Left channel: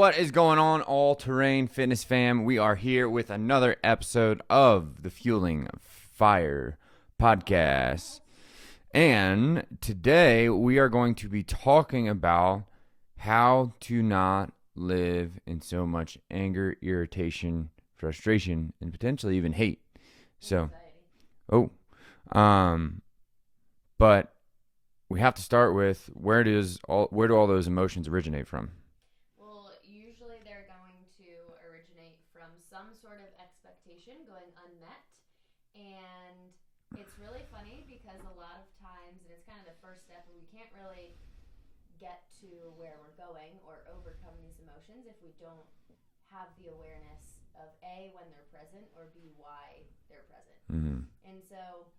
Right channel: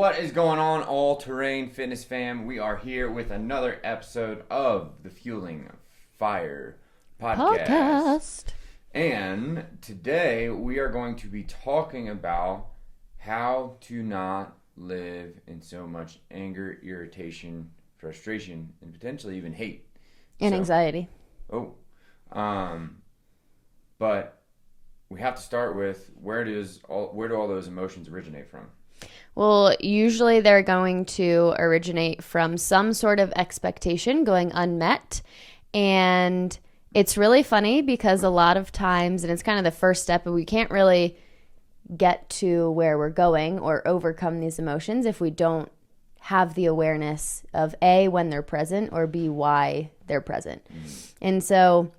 What is going on, All Terrain Fitness fam? We are here with another episode of the Fueling Fire podcast. And today we are going to be talking about how to not live in so much anger, irritation, frustration, and potentially even hate. And anxiety. But we have to start with where do all those emotions originate from? Well, usually they're going to originate from some sort of expectation going unmet. And it's really funny because a lot of times, and it's kind of the first step, but we can't really get to where we're going or overcome these emotions if we don't have the awareness of A, when they're present, or B, why they're present. Mm-hmm. And so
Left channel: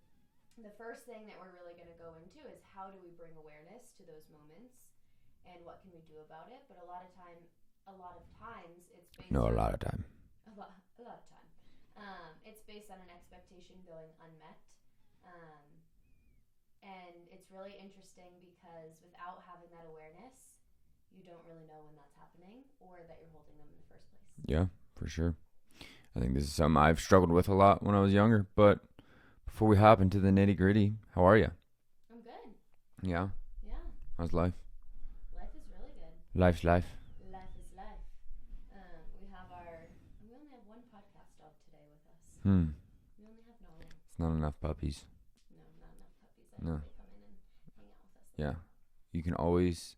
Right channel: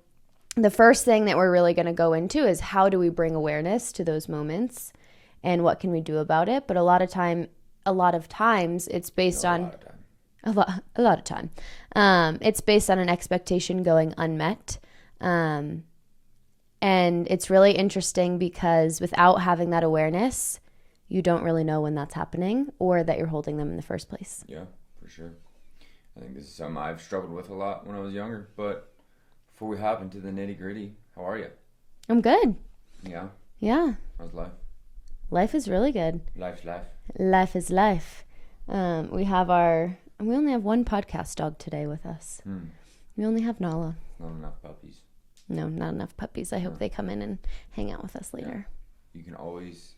the first thing that we're really going to go into is how do we bring awareness to those moments and what can we do about it? But a lot of times it's based on a lot of time. It's based on an expectation going unmet. And it's really interesting because without having that awareness, you don't really know when that's happening or that you're holding them in the first place. Yeah, for sure. I think this is something I've struggled with a lot when I was younger. But before we hop into the nitty gritty, how are you? I'm good. Yeah? Yeah. How's life? Life is really good. Life's life. Life is life. We only have one podcast dog today with us. We only have Nala. Not enough puppies. No, not enough puppies. I hope they come in and hang out with us later. Yeah. You can always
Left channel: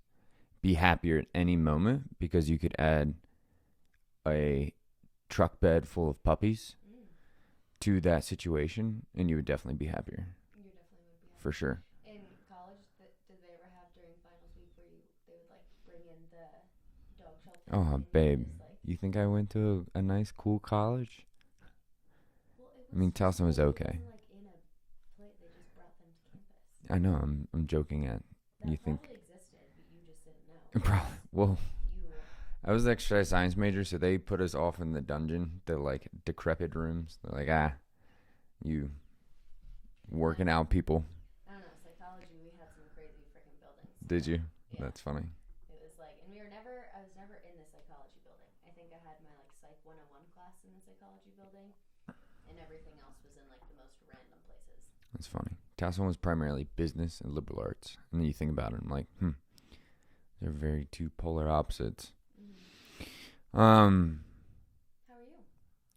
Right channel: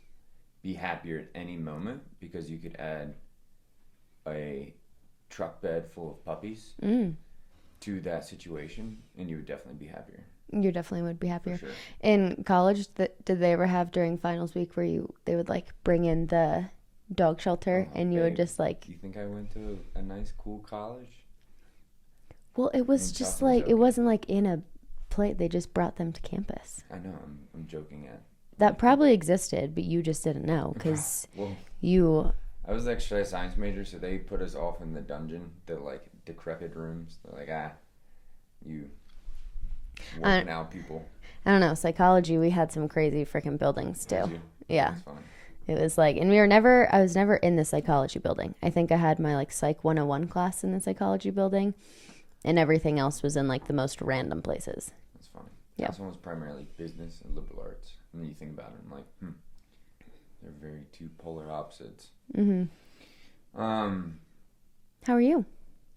be happier at any moment because you could add a truck bed full of puppies to that situation and you would definitely be happier. You definitely would be happier. For sure. In college, did they ever have during finals week where they would like bring in the dog shelter and you would just like... You think I went to a nice, cool college? Well, it was just like, it wasn't like in a plate. They just brought them to campus. I know. I'm joking at. That probably existed, but you just didn't know because I was the exercise science major, so they put us off in the dungeon, the like decrepit rooms. They're like, you working out people. I don't know. Psychology, we had some crazy freaking buildings too. Did you? Yeah. That's funny. It was like, and I was never in the psychology building. I think I had my like Psych 101 class in the psychology building, and everything else was in like the most random places. That's funny. Yeah. That one was primarily business and liberal arts. And then you think about it, I'm like, they're very two polar opposites. Mm-hmm. How are you?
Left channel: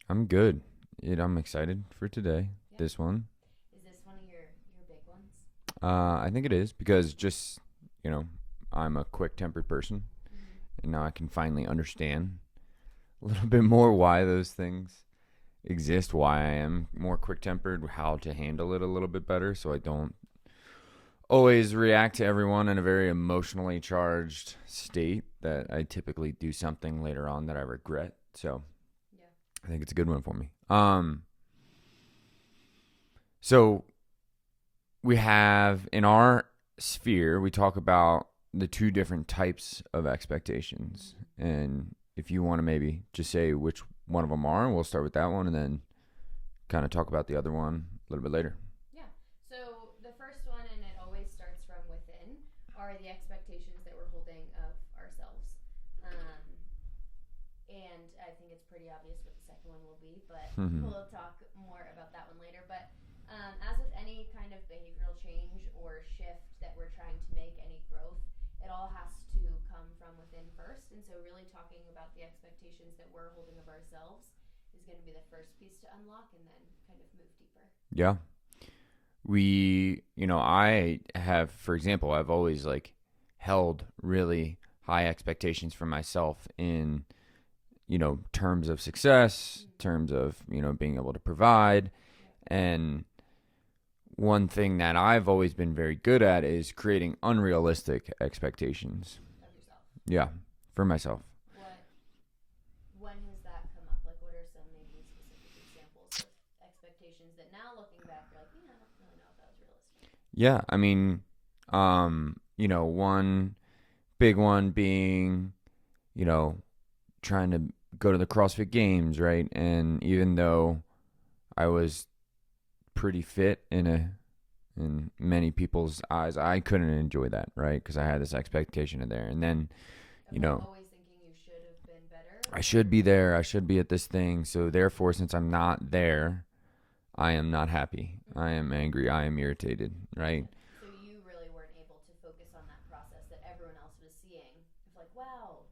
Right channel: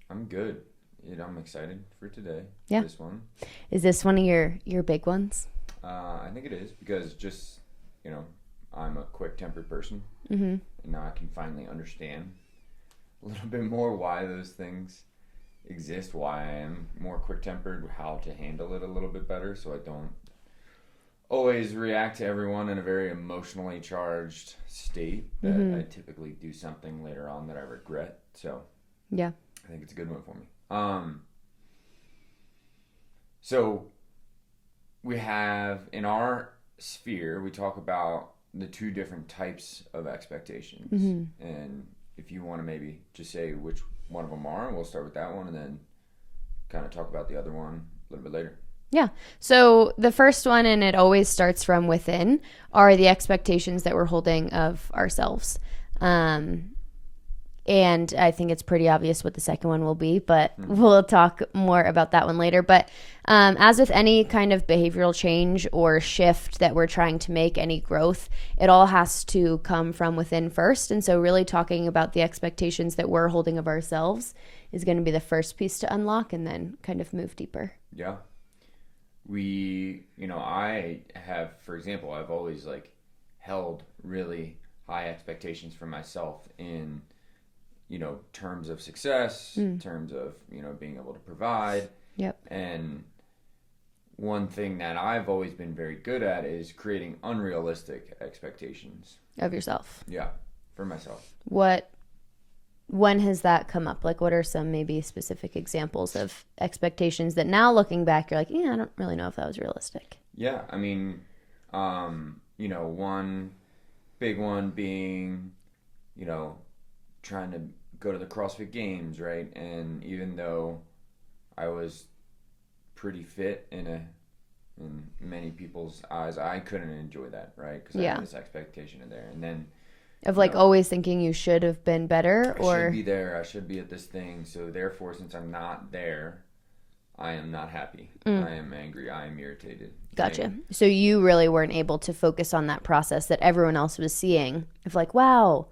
I'm good. I'm excited for today. Yeah. This one. Is this one of your big ones? I think it is because just, I'm a quick-tempered person. Mm-hmm. And now I can finally understand a little bit more why those things exist, why I am more quick-tempered, how to handle it a little bit better so I don't always react to everyone in a very emotionally charged state that I typically do something later on that I regret. So yeah, I think it's a good one for me. So we have in our sphere, we talk about the two different types of expectations. Mm-hmm. And if you want to maybe just say which one of them are, and we'll start with that one and then kind of talk about the other one a little bit later. Yeah. So the first one, and it always starts from within, are the expectations that we're holding of ourselves. And I think it's pretty obvious what the second one will be, but we'll talk more about that one later. But as with any kind of behavioral change or shift that we're trying to make, any growth, it all has to come from within first. And so really talking about the expectations that we're holding of ourselves is going to be the first piece to unlock and then kind of move deeper. Yeah. I have, for example, I've always like held really high expectations for myself in terms of success, terms of, being able to provide. Yep. And one thing that I've always been very good at is creating unrealistic expectations. Of yourself. Yeah, for myself. When has that come up? Like, what are some maybe specific examples of expectations that now looking back, you're like, I don't really know if that was realistic. Yeah. I mean, one big one being, trying to go to the CrossFit Games, right? And even though I was pretty fit in many people's eyes, I couldn't enjoy that, right? Because I had this expectation in there. And then Of like always thinking you should have been better? I should be there. I should be at this thing. So therefore, since I'm not there, I am not happy. I am angry. I am irritated. Gotcha. So you really weren't able to focus on that process that everyone else was seeing of like, wow,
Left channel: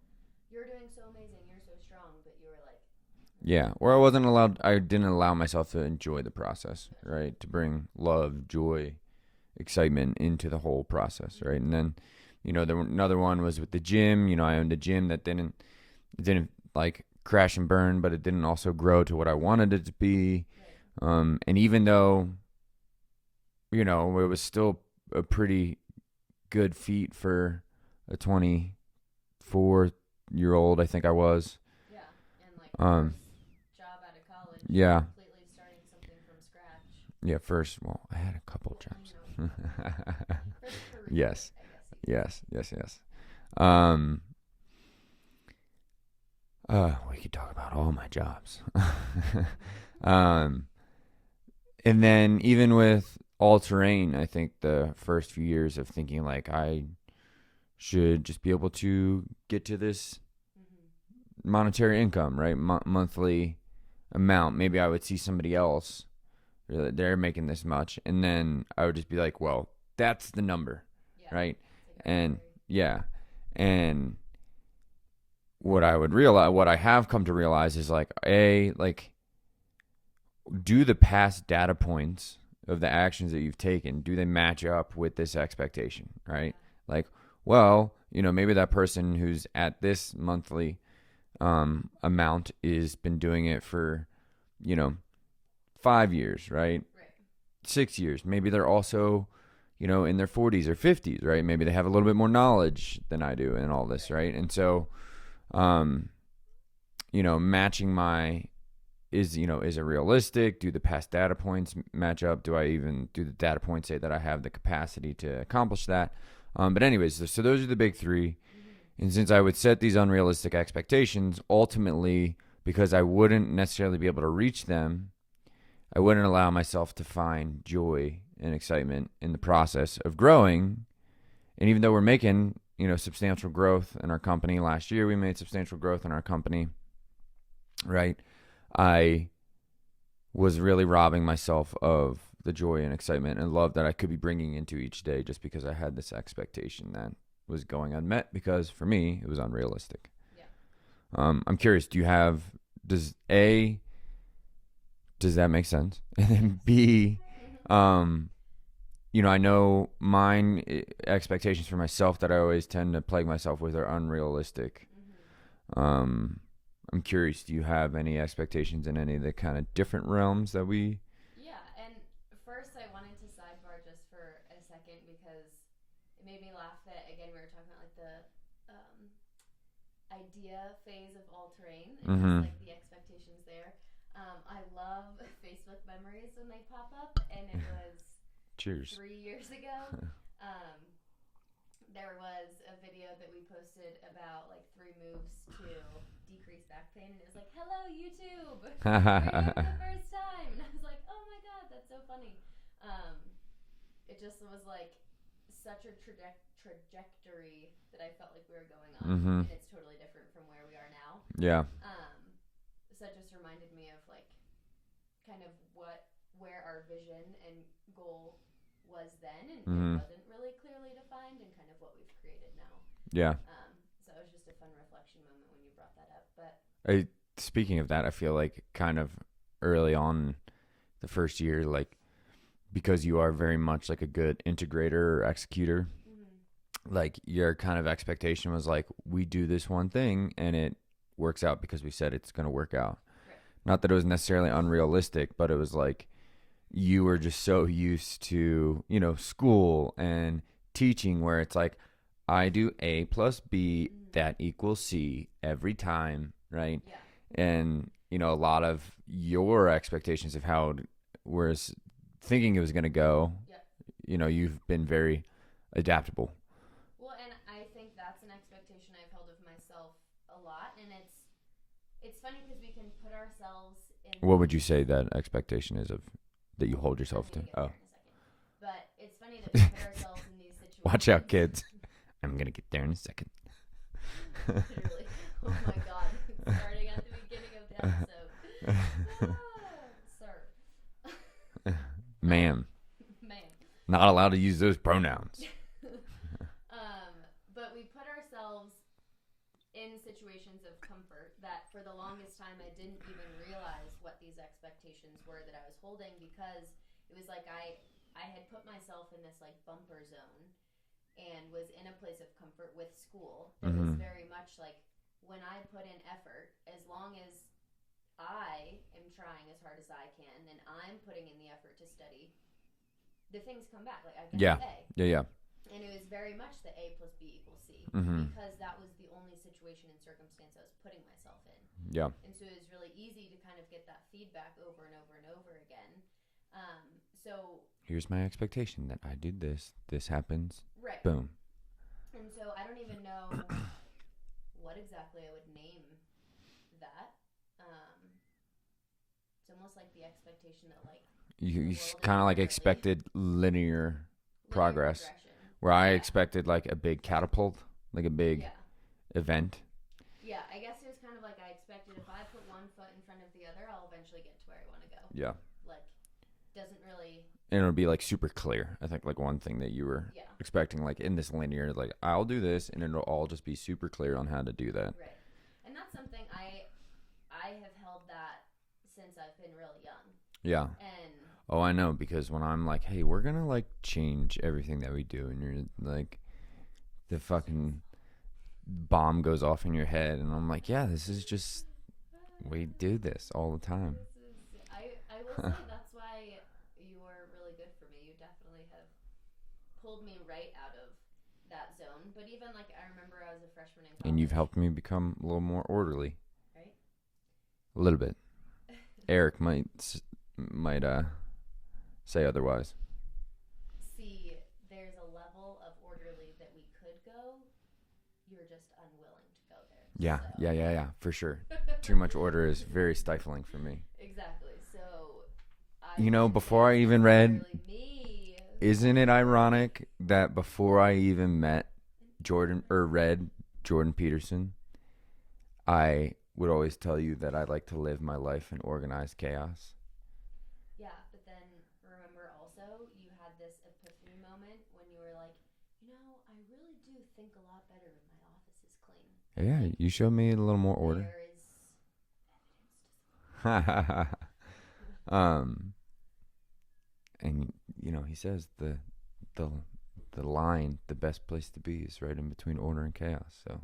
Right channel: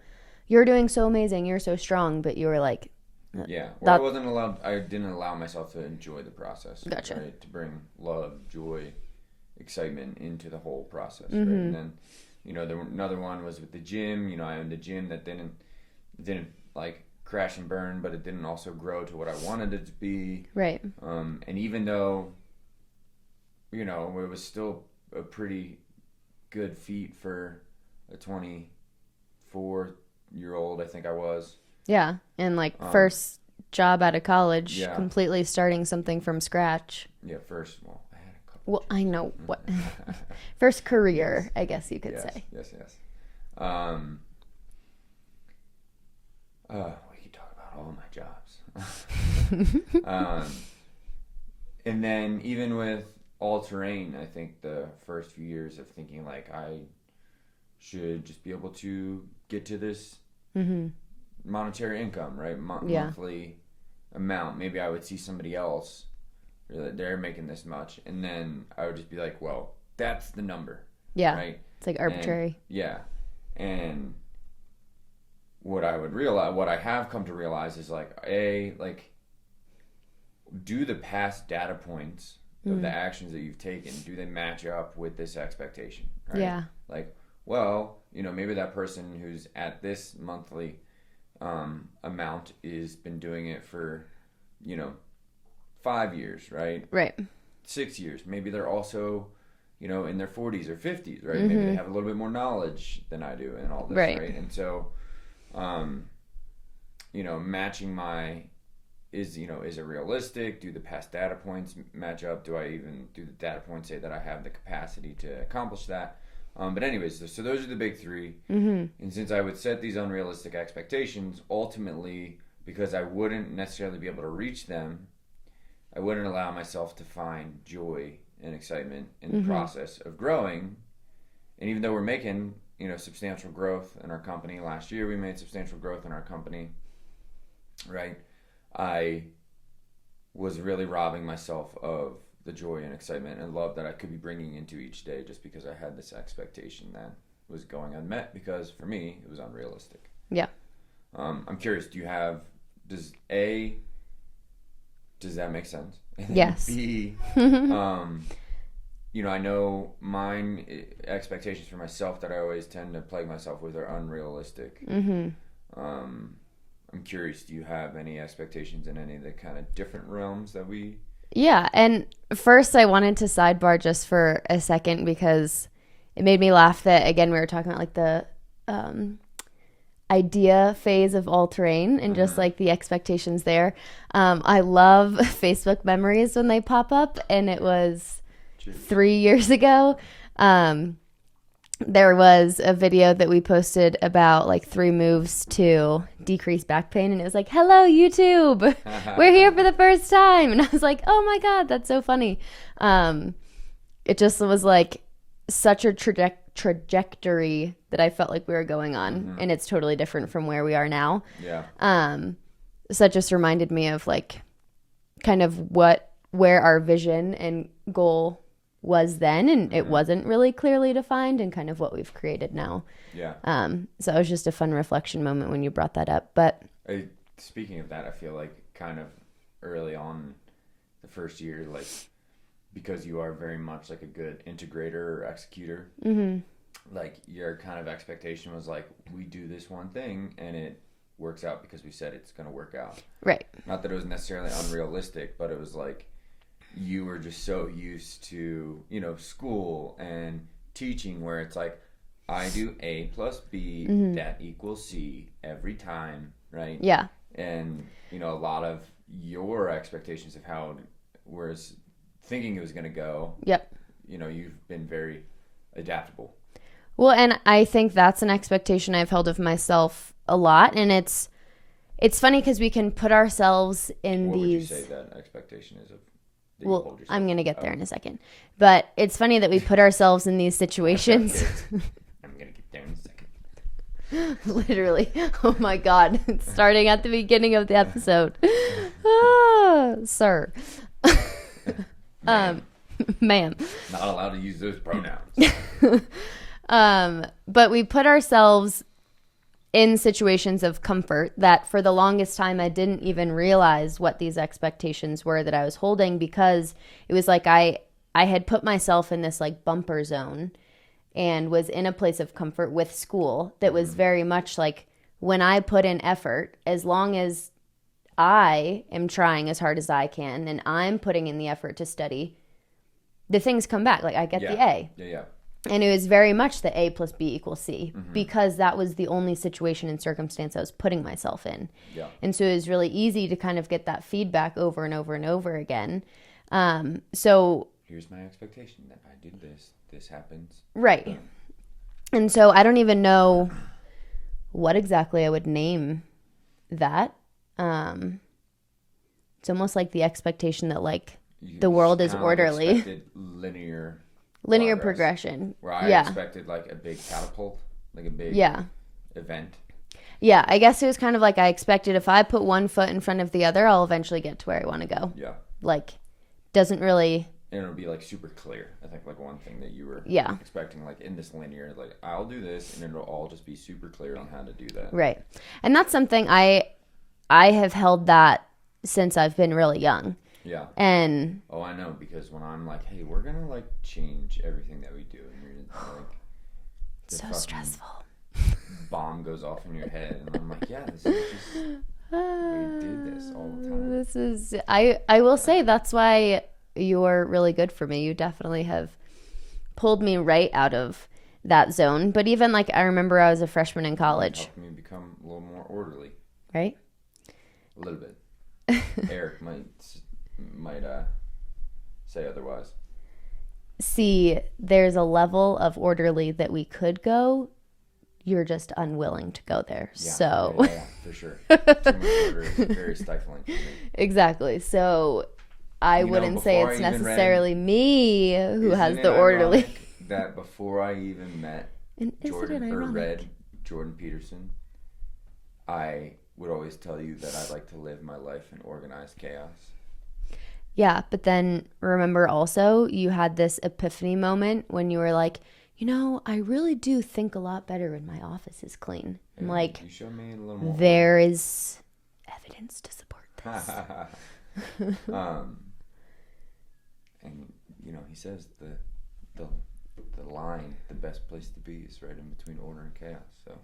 you're doing so amazing. You're so strong. But you were like, yeah. Or I didn't allow myself to enjoy the process. Gotcha. Right. To bring love, joy, excitement into the whole process. Right. And then, another one was with the gym. I owned a gym that didn't like crash and burn, but it didn't also grow to what I wanted it to be. Right. And even though, it was still a pretty good feat for a 24-year-old, I think I was. Yeah. And like first job out of college, completely starting something from scratch. Yeah. First, I had a couple. Well, I know what. First career, yes. I guess you could say. Yes. We could talk about all my jobs. And then even with all terrain, I think the first few years of thinking like I should just be able to get to this monetary income, right? Monthly amount. Maybe I would see somebody else, they're making this much, and then I would just be like, well, that's the number. Yeah. Right? It's like arbitrary. And what I have come to realize is like, do the past data points of the actions that you've taken, do they match up with this expectation, right? Yeah. Like, well, maybe that person who's at this monthly amount is been doing it for, 5 years, right? Right. 6 years. Maybe they're also, in their 40s or 50s, right? Maybe they have a little bit more knowledge than I do and all this, right? And so, matching is it realistic? Do the past data points match up? Do the data points say that I have the capacity to accomplish that? But anyways, so those are the big three. And since I would set these unrealistic expectations, ultimately, because I wouldn't necessarily be able to reach them, I wouldn't allow myself to find joy and excitement in the process of growing. And even though we're making, substantial growth in our company, last year we made substantial growth in our company, right? I was really robbing myself of the joy and excitement and love that I could be bringing into each day just because I had this expectation that was going unmet because for me, it was unrealistic. Yeah. I'm curious, does that make sense? Yes. B, I know mine expectations for myself that I always tend to plague myself with are unrealistic. I'm curious, do you have any expectations in any of the kind of different realms that we... Yeah, and first I wanted to sidebar just for a second because it made me laugh that, again, we were talking about like the idea phase of all terrain and just like the expectations there. I love Facebook memories when they pop up, and it was 3 years ago. There was a video that we posted about like 3 moves to decrease back pain, and it was like, hello YouTube, we're here for the first time. And I was like, oh my god, that's so funny. It just was like such a trajectory that I felt like we were going on, and it's totally different from where we are now. So it just reminded me of like kind of where our vision and goal was then, and it wasn't really clearly defined, and kind of what we've created now. So it was just a fun reflection moment when you brought that up. But speaking of that, I feel like kind of early on the first year, like because you are very much like a good integrator or executor, like your kind of expectation was like, we do this one thing and it works out because we said it's going to work out. Right. Not that it was necessarily unrealistic, but it was like you were just so used to, school and teaching where it's like, I do A plus B, that equals C every time, right? Yeah. And, a lot of your expectations of how it was thinking it was going to go. Yep. You've been very adaptable. Well, and I think that's an expectation I've held of myself a lot. And it's funny because we can put ourselves in What would you say that expectation is of that you hold yourself? I'm going to get there in a second. But it's funny that we put ourselves in these situations. Watch out, kids. I'm going to get there in a second. Literally. Oh my God. Starting at the beginning of the episode. Sir. Ma'am. Ma'am. Not allowed to use those pronouns. But we put ourselves in situations of comfort that for the longest time I didn't even realize what these expectations were that I was holding, because it was like I had put myself in this like bumper zone and was in a place of comfort with school that was very much like, when I put in effort, as long as I am trying as hard as I can and I'm putting in the effort to study, the things come back. Like I get the A. Yeah. And it was very much the A plus B equals C, because that was the only situation and circumstance I was putting myself in. Yeah. And so it was really easy to kind of get that feedback over and over and over again. So Here's my expectation that I did this. This happens. Right. Boom. And so I don't even know what exactly I would name that. It's almost like the expectation that like the world is orderly. Like expected linear progression. Where I expected like a big catapult, like a big event. Yeah, I guess it was kind of like I expected if I put one foot in front of the other, I'll eventually get to where I want to go. Yeah. Like, doesn't really... And it'll be like super clear. I think like one thing that you were expecting, like in this linear, like I'll do this and it'll all just be super clear on how to do that. Right. And that's something I have held that since I've been really young. Yeah. And I know, because when I'm like, hey, we're gonna like change everything that we do, and you're like, the so fucking stressful. bomb goes off in your head, and I'm like, yeah, this is just we do this all the time. This is I will say that's why you're really good for me. You definitely have pulled me right out of that zone. But even like I remember I was a freshman in college. It helped me become a little more orderly. Right? A little bit. Eric might say otherwise. See, there's a level of orderly that we could go. You're just unwilling to go there. Yeah, so yeah, for sure. Too much order is very stifling for me. Exactly. So I wouldn't say it's necessarily me who has the orderly. Ironic that before I even met read Jordan Peterson, I would always tell you that I like to live my life in organized chaos. Yeah, but then remember also you had this epiphany moment when you were like, you know, I really do think a lot better when my office is clean. Yeah, like, you showed me a little more there order. is evidence to support this. And you know, he says the line, the best place to be is right in between order and chaos. So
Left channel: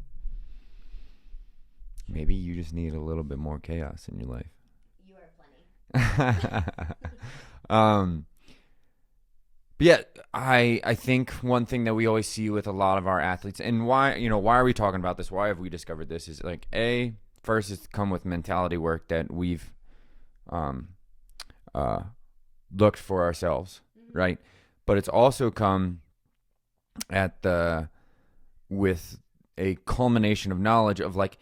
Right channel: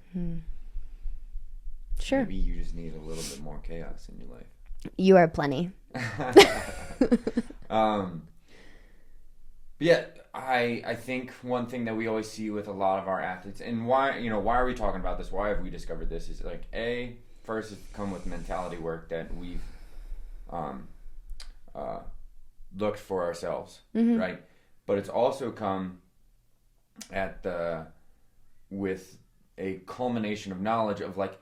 sure, maybe you just need a little bit more chaos in your life. You are plenty. But yeah, I think one thing that we always see with a lot of our athletes, and why are we talking about this? Why have we discovered this? Is like first is come with mentality work that we've looked for ourselves, right? But it's also come with a culmination of knowledge of like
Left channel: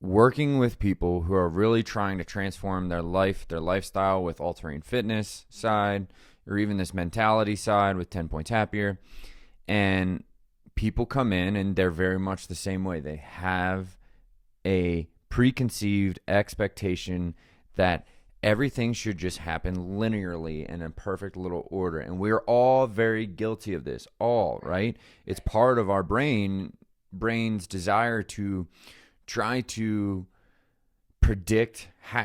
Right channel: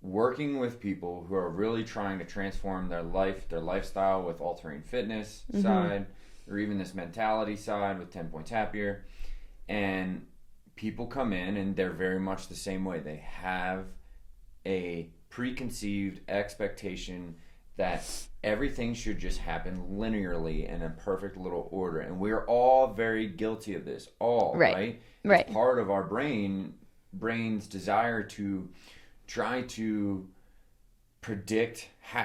working with people who are really trying to transform their life, their lifestyle with all-terrain fitness side, or even this mentality side with 10 Points Happier. And people come in and they're very much the same way. They have a preconceived expectation that everything should just happen linearly in a perfect little order. And we're all very guilty of this, right? It's part of our brain's desire to try to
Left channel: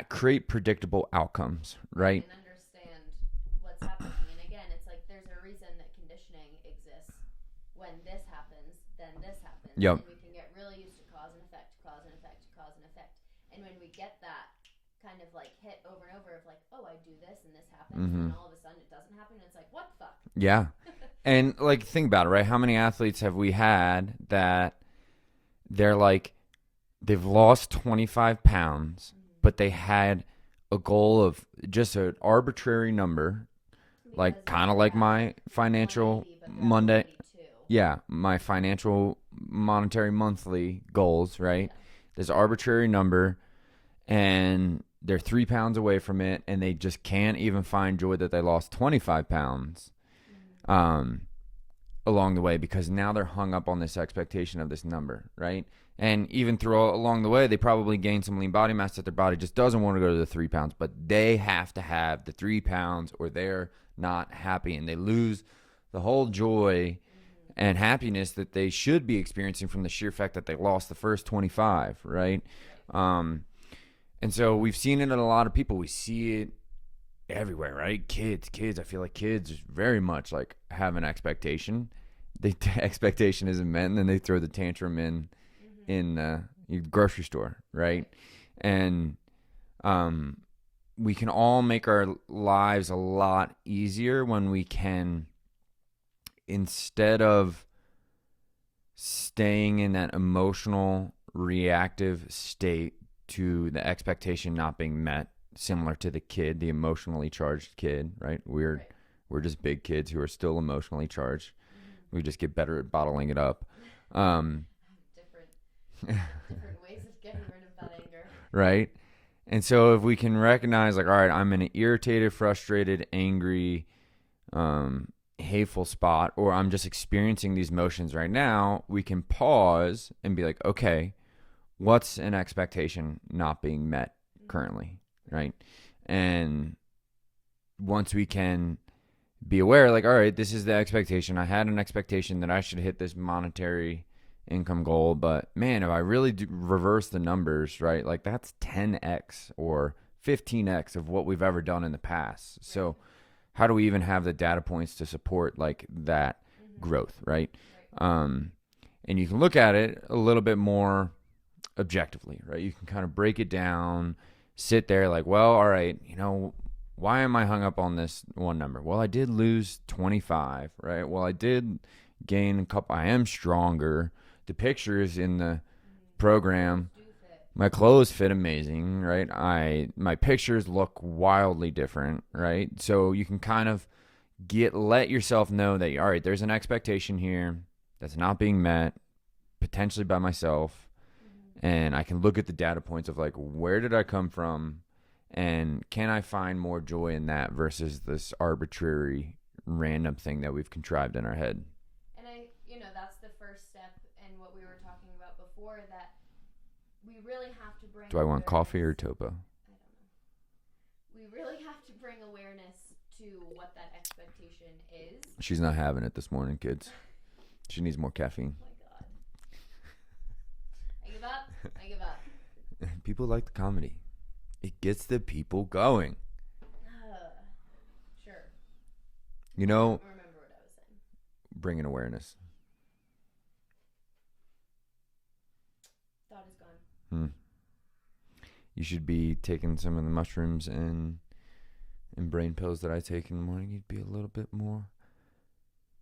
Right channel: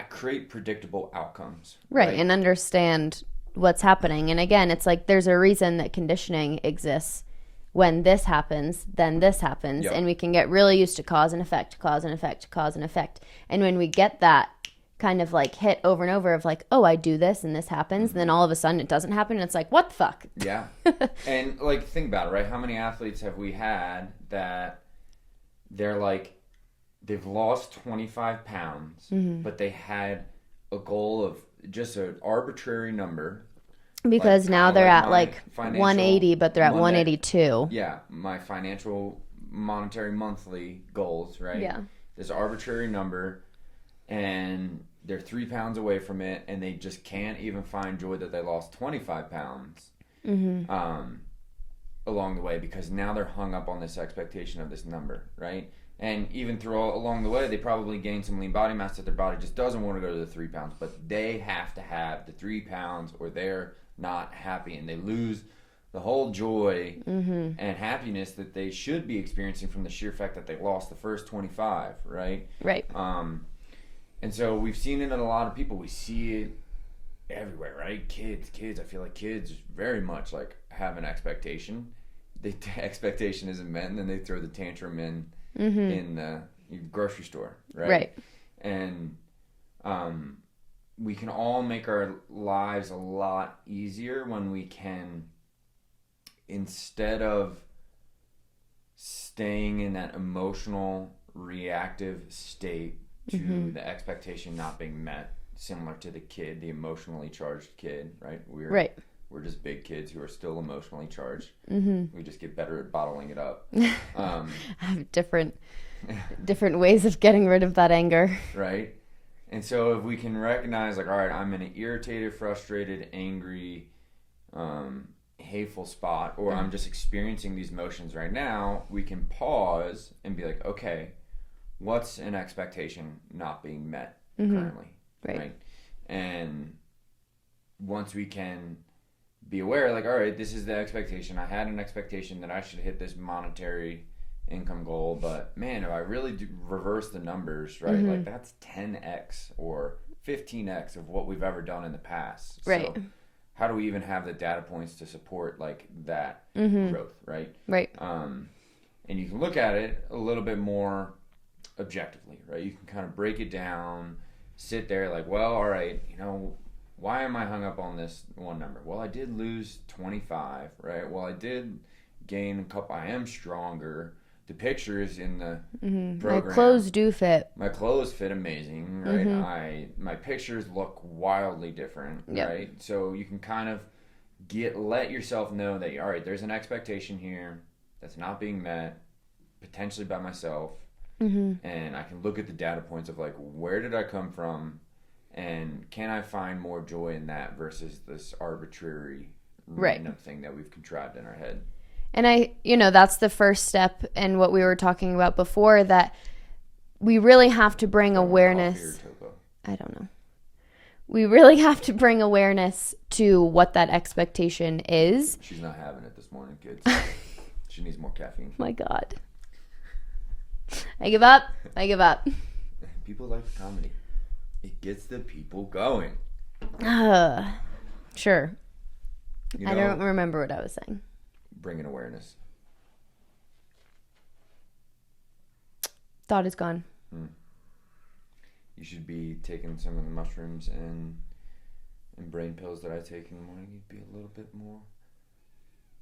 create predictable outcomes. Right. And understand what's happening. And again, it's like there's a reason that conditioning exists. When this happens, then this happens. Yep. And we can get really used to cause and effect. And when we get that kind of like hit over and over of like, oh, I do this and this happens, and then all of a sudden it doesn't happen, and it's like, what the fuck? Yeah. And like, think about it, right? How many athletes have we had that they're like, they've lost 25 pounds, but they had a goal of just an arbitrary number. Because like, now they're at like 180, but they're at 182. Yeah, my financial monetary monthly goals, right? Yeah. This arbitrary number, and they're 3 pounds away from it, and they just can't even find joy that they lost 25 pounds. along the way, because now they're hung up on this expectation of this number, right? And even along the way, they probably gain some lean body mass that their body just doesn't want to go to the 3 pounds, but they have to have the 3 pounds or they're not happy, and they lose the whole joy and happiness that they should be experiencing from the sheer fact that they lost the first 25, right? Right. And so we've seen it in a lot of people. We see it everywhere, right? Kids. I feel like kids very much like have an expectation. The expectation isn't met, and then they throw the tantrum in your grocery store, right? Right. And we can all make our lives a lot easier when we can, instead of staying in that emotional reactive state to the expectation not being met, similar to the emotionally charged kid, right? We're just big kids who are still emotionally charged. We just get better at bottling it up. I have different ways of getting rid of that anger. Right? And so if we can recognize, like, all right, I'm in an irritated, frustrated, angry, hateful spot, or I'm just experiencing these emotions right now, we can pause and be like, okay, what's an expectation not being met currently? Right? And once we can be aware, like, all right, this is the expectation. I had an expectation that I should hit this monetary income goal, but man, if I really do reverse the numbers, right, like that's 10x or 15x of what we've ever done in the past. Right. So how do we even have the data points to support like that growth, right? Right. And you can look at it a little bit more objectively, right? You can kind of break it down, sit there like, well, all right, why am I hung up on this one number? Well, I did lose 25, right? Well, I did gain a couple. I am stronger. The pictures in the program. My clothes do fit. My clothes fit amazing, right? My pictures look wildly different, right? So you can kind of let yourself know that, all right, there's an expectation here that's not being met, potentially by myself. And I can look at the data points of like, where did I come from? And can I find more joy in that versus this arbitrary, random thing that we've contrived in our head? And that's the first step, and what we were talking about before, that we really have to bring awareness. Coffee or topo? I don't know. We really have to bring awareness to what that expectation is. She's not having it this morning, kids. She needs more caffeine. My God. I give up. People like the comedy. It gets the people going. Sure. I don't remember what I was saying. Bringing awareness. Thought is gone. You should be taking some of the mushrooms and brain pills that I take in the morning. You'd be a little bit more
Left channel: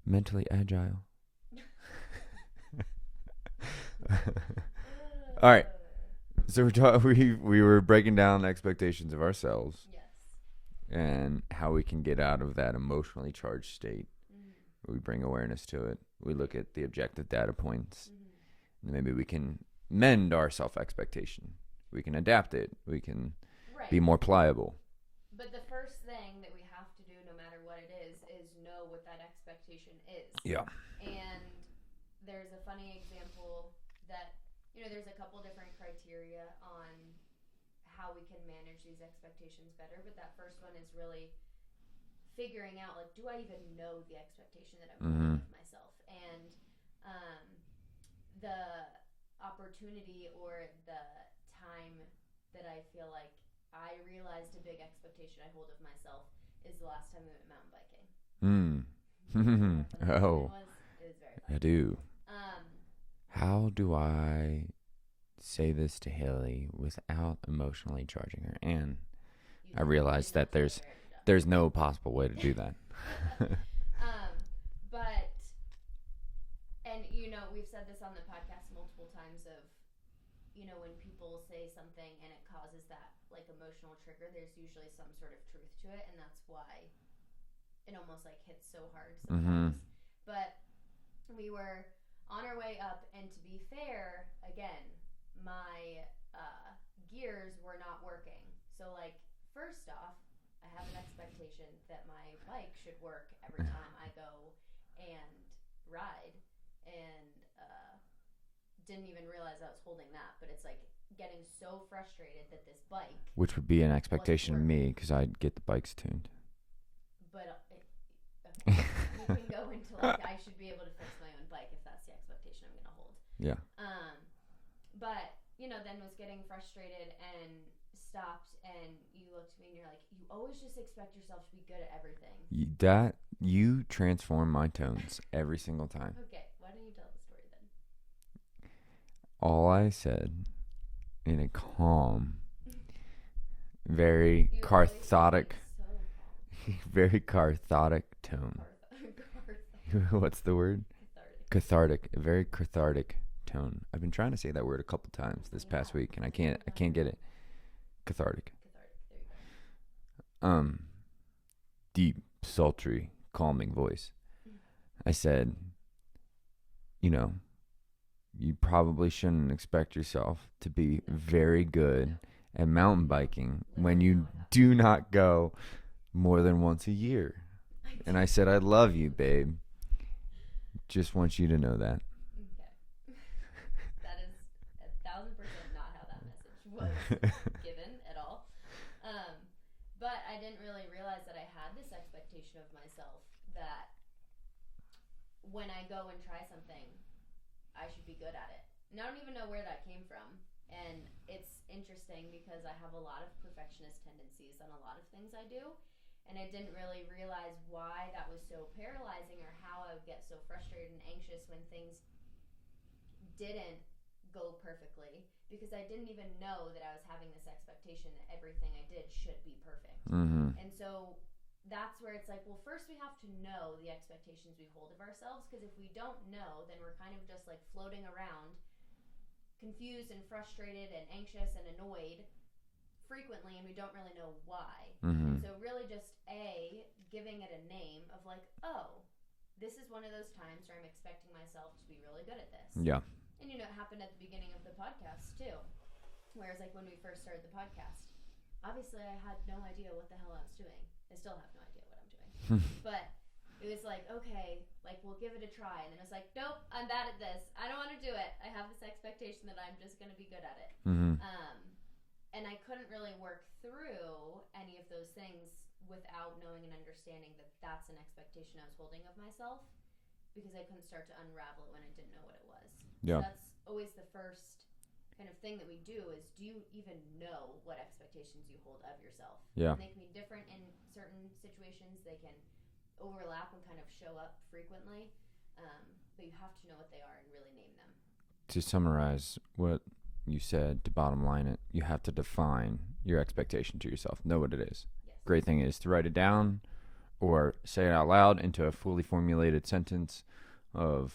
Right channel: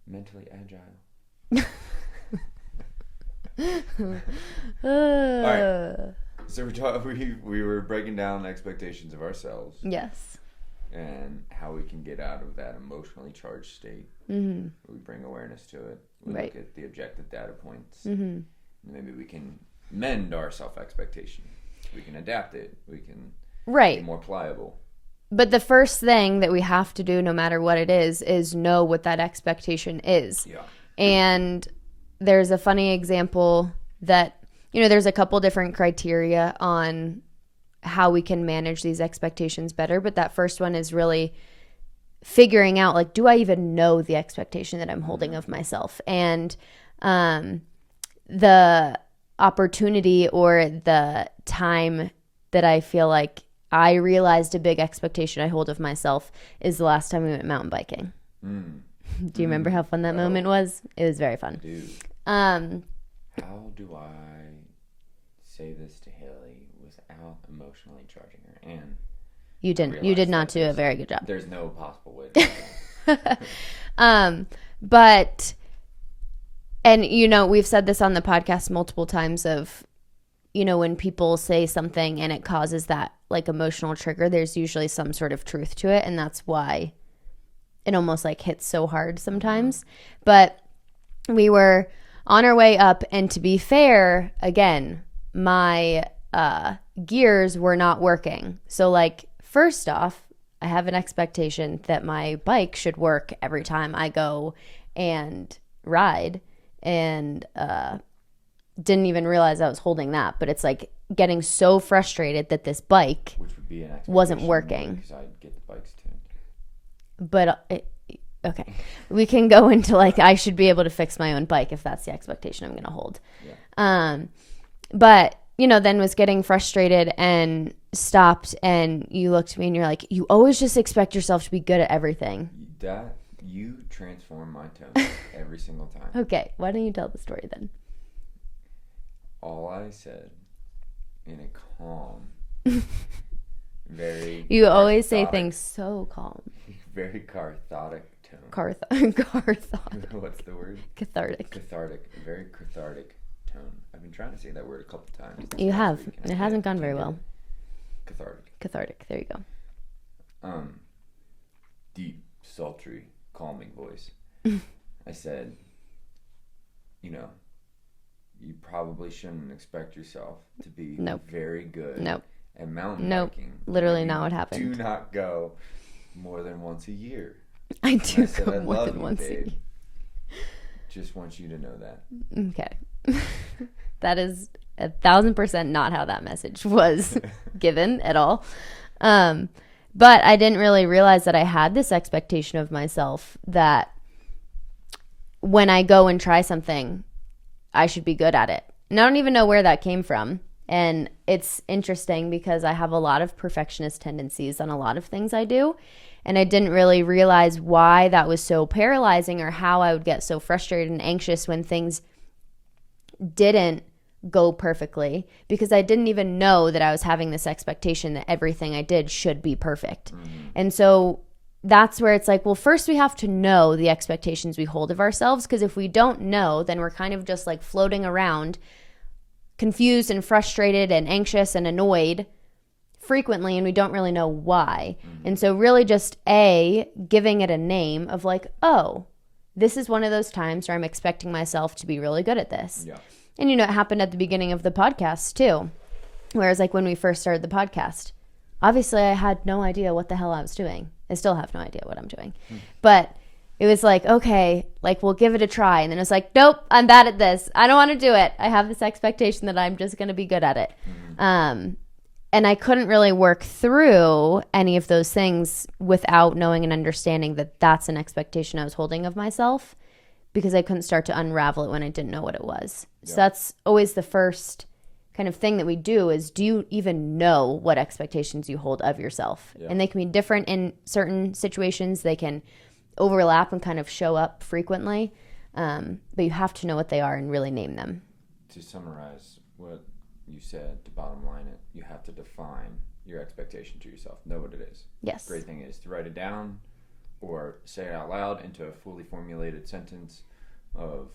mentally agile. All right. So we were breaking down the expectations of ourselves. Yes. And how we can get out of that emotionally charged state. We bring awareness to it. We look at the objective data points. And maybe we can mend our self-expectation. We can adapt it. We can be more pliable. But the first thing that we have to do, no matter what it is know what that expectation is. Yeah. And there's a funny example that, there's a couple different criteria on how we can manage these expectations better. But that first one is really figuring out, like, do I even know the expectation that I'm holding of myself? And the opportunity or the time that I feel like I realized a big expectation I hold of myself is the last time we went mountain biking. Do you remember how fun that moment was? It was very fun. I do. How do I say this to Hailey without emotionally charging her? And you did not do a very good job. There's no possible way to do that. And we've said this on the podcast multiple times of, when people say something and it causes that like emotional trigger, there's usually some sort of truth to it. And that's why it almost like hits so hard sometimes. But we were on our way up, and to be fair, again, my gears were not working. So like, first off, I have an expectation that my bike should work every time I go and ride and didn't even realize I was holding that. But it's like getting so frustrated that this bike, which would be an expectation, wasn't working because I'd get the bikes tuned. But okay, we can go into like I should be able to fix my own bike if that's the expectation I'm going to hold. Yeah. But then was getting frustrated and stopped, and you looked at me and you're like, you always just expect yourself to be good at everything. You transform my tones every single time. Okay, why don't you tell the story then? All I said in a calm, very You always say things so calm. Very cathartic tone. Cathartic. What's the word? Cathartic. Cathartic. A very cathartic tone. I've been trying to say that word a couple times this You past have. week, And it hasn't gone very well. Cathartic. Cathartic. There you go. Deep, sultry, calming voice. I said, you probably shouldn't expect yourself to be very good at mountain biking. Literally not what happened. Do not go more than once a year. I do. And I said, I love you, babe. Just want you to know that. Okay. That is 1,000% not how that message was given at all. But I didn't really realize that I had this expectation of myself that when I go and try something, I should be good at it. And I don't even know where that came from. And it's interesting because I have a lot of perfectionist tendencies on a lot of things I do. And I didn't really realize why that was so paralyzing or how I would get so frustrated and anxious when things didn't go perfectly, because I didn't even know that I was having this expectation that everything I did should be perfect. Mm-hmm. And so that's where it's like, well, first we have to know the expectations we hold of ourselves, because if we don't know, then we're kind of just like floating around confused and frustrated and anxious and annoyed frequently, and we don't really know why. Mm-hmm. And so really just giving it a name of like, oh, this is one of those times where I'm expecting myself to be really good at this. Yeah. And it happened at the beginning of the podcast too. Whereas like when we first started the podcast, obviously I had no idea what the hell I was doing. I still have no idea what I'm doing. But it was like, okay, like we'll give it a try. And then it's like, nope, I'm bad at this. I don't want to do it. I have this expectation that I'm just going to be good at it. Mm-hmm. And I couldn't really work through any of those things without knowing and understanding that that's an expectation I was holding of myself, because I couldn't start to unravel it when I didn't know what it was. Yeah. So that's always the first kind of thing that we do is, do you even know what expectations you hold of yourself? Yeah. And they can be different in certain situations. They can overlap and kind of show up frequently. But you have to know what they are and really name them. To summarize what you said, to bottom line it, you have to define your expectation to yourself. Know what it is. Yes. Great thing is to write it down or say it out loud into a fully formulated sentence of,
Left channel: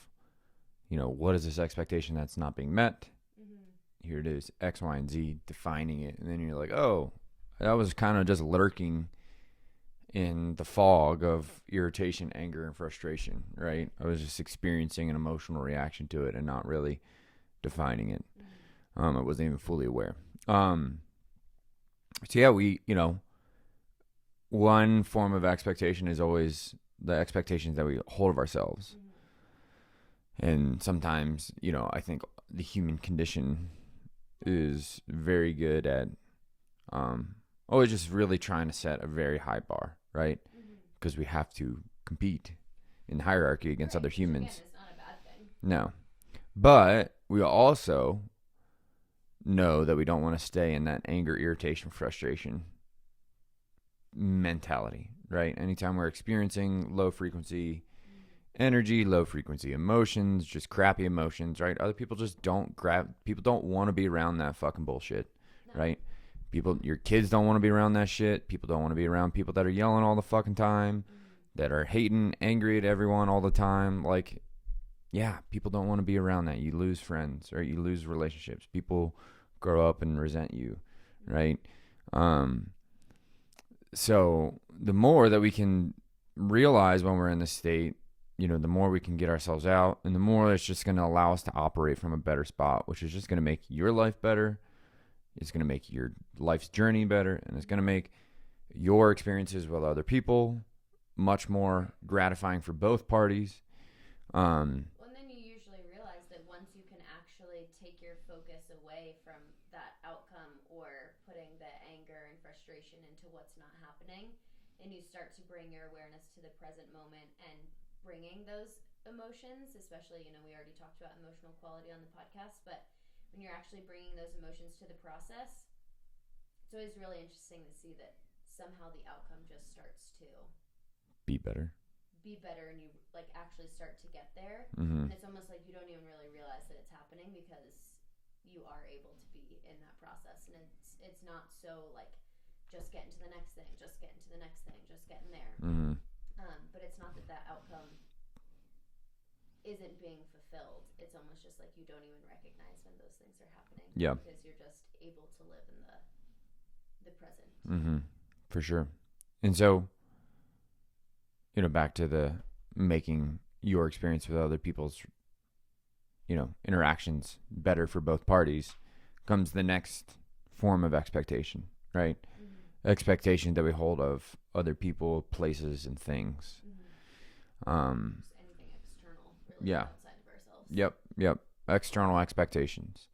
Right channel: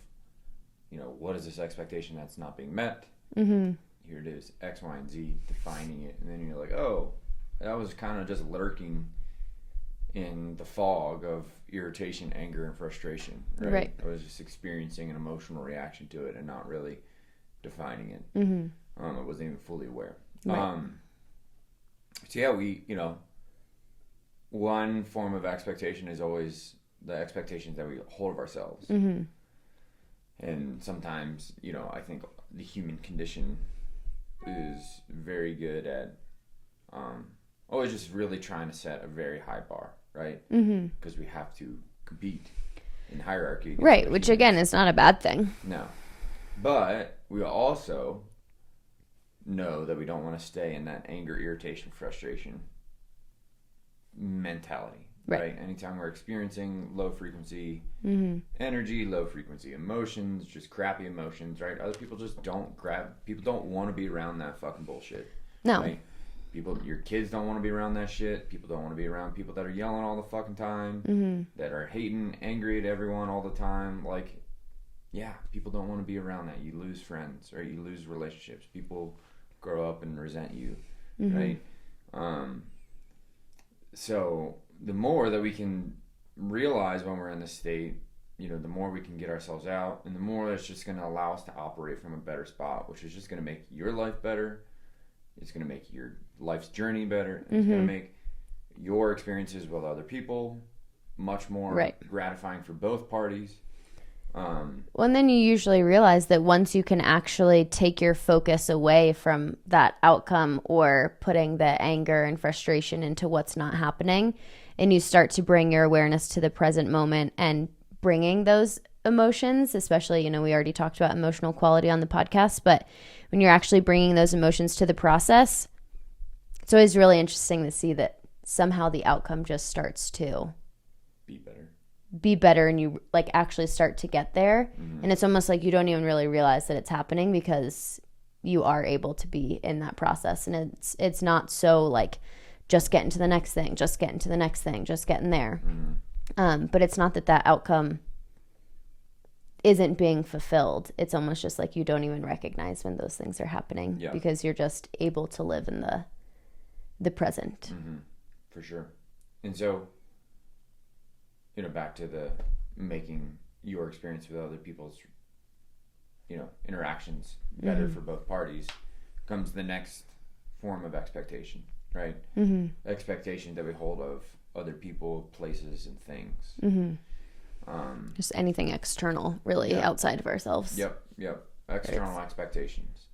what is this expectation that's not being met? Mm-hmm. Here it is, X, Y, and Z, defining it. And then you're like, oh, that was kind of just lurking in the fog of irritation, anger, and frustration, right? I was just experiencing an emotional reaction to it and not really defining it. Mm-hmm. I wasn't even fully aware. Right. So yeah, one form of expectation is always the expectations that we hold of ourselves. Mm-hmm. And sometimes, I think the human condition is very good at always just really trying to set a very high bar, right? Because we have to compete in hierarchy against other which humans. Again is not a bad thing. No. But we also know that we don't want to stay in that anger, irritation, frustration mentality, right? Anytime we're experiencing low frequency energy, low frequency emotions, just crappy emotions, right? Other people just people don't want to be around that fucking bullshit. No. Right? Your kids don't want to be around that shit. People don't want to be around people that are yelling all the fucking time, that are hating, angry at everyone all the time. Like, yeah, people don't want to be around that. You lose friends, right? You lose relationships. People grow up and resent you, right? So the more that we can realize when we're in this state, the more we can get ourselves out, and the more it's just going to allow us to operate from a better spot, which is just going to make your life better. It's going to make your life's journey better. And it's going to make your experiences with other people much more gratifying for both parties. Well, and then you usually realize that once you can actually take your focus away from that outcome or putting the anger and frustration into what's not happening, and you start to bring your awareness to the present moment and bringing those emotions, especially, we already talked about emotional quality on the podcast, but when you're actually bringing those emotions to the process, it's always really interesting to see that somehow the outcome just starts to be better and you like actually start to get there. And it's almost like you don't even really realize that it's happening because you are able to be in that process. And it's not so like just getting to the next thing, just getting to the next thing, just getting there. But it's not that outcome isn't being fulfilled. It's almost just like you don't even recognize when those things are happening because you're just able to live in the present. For sure. And so, back to the making your experience with other people's, interactions better for both parties comes the next form of expectation, right? Expectation that we hold of other people, places, and things. Just anything external, really, outside of ourselves. Yep. External expectations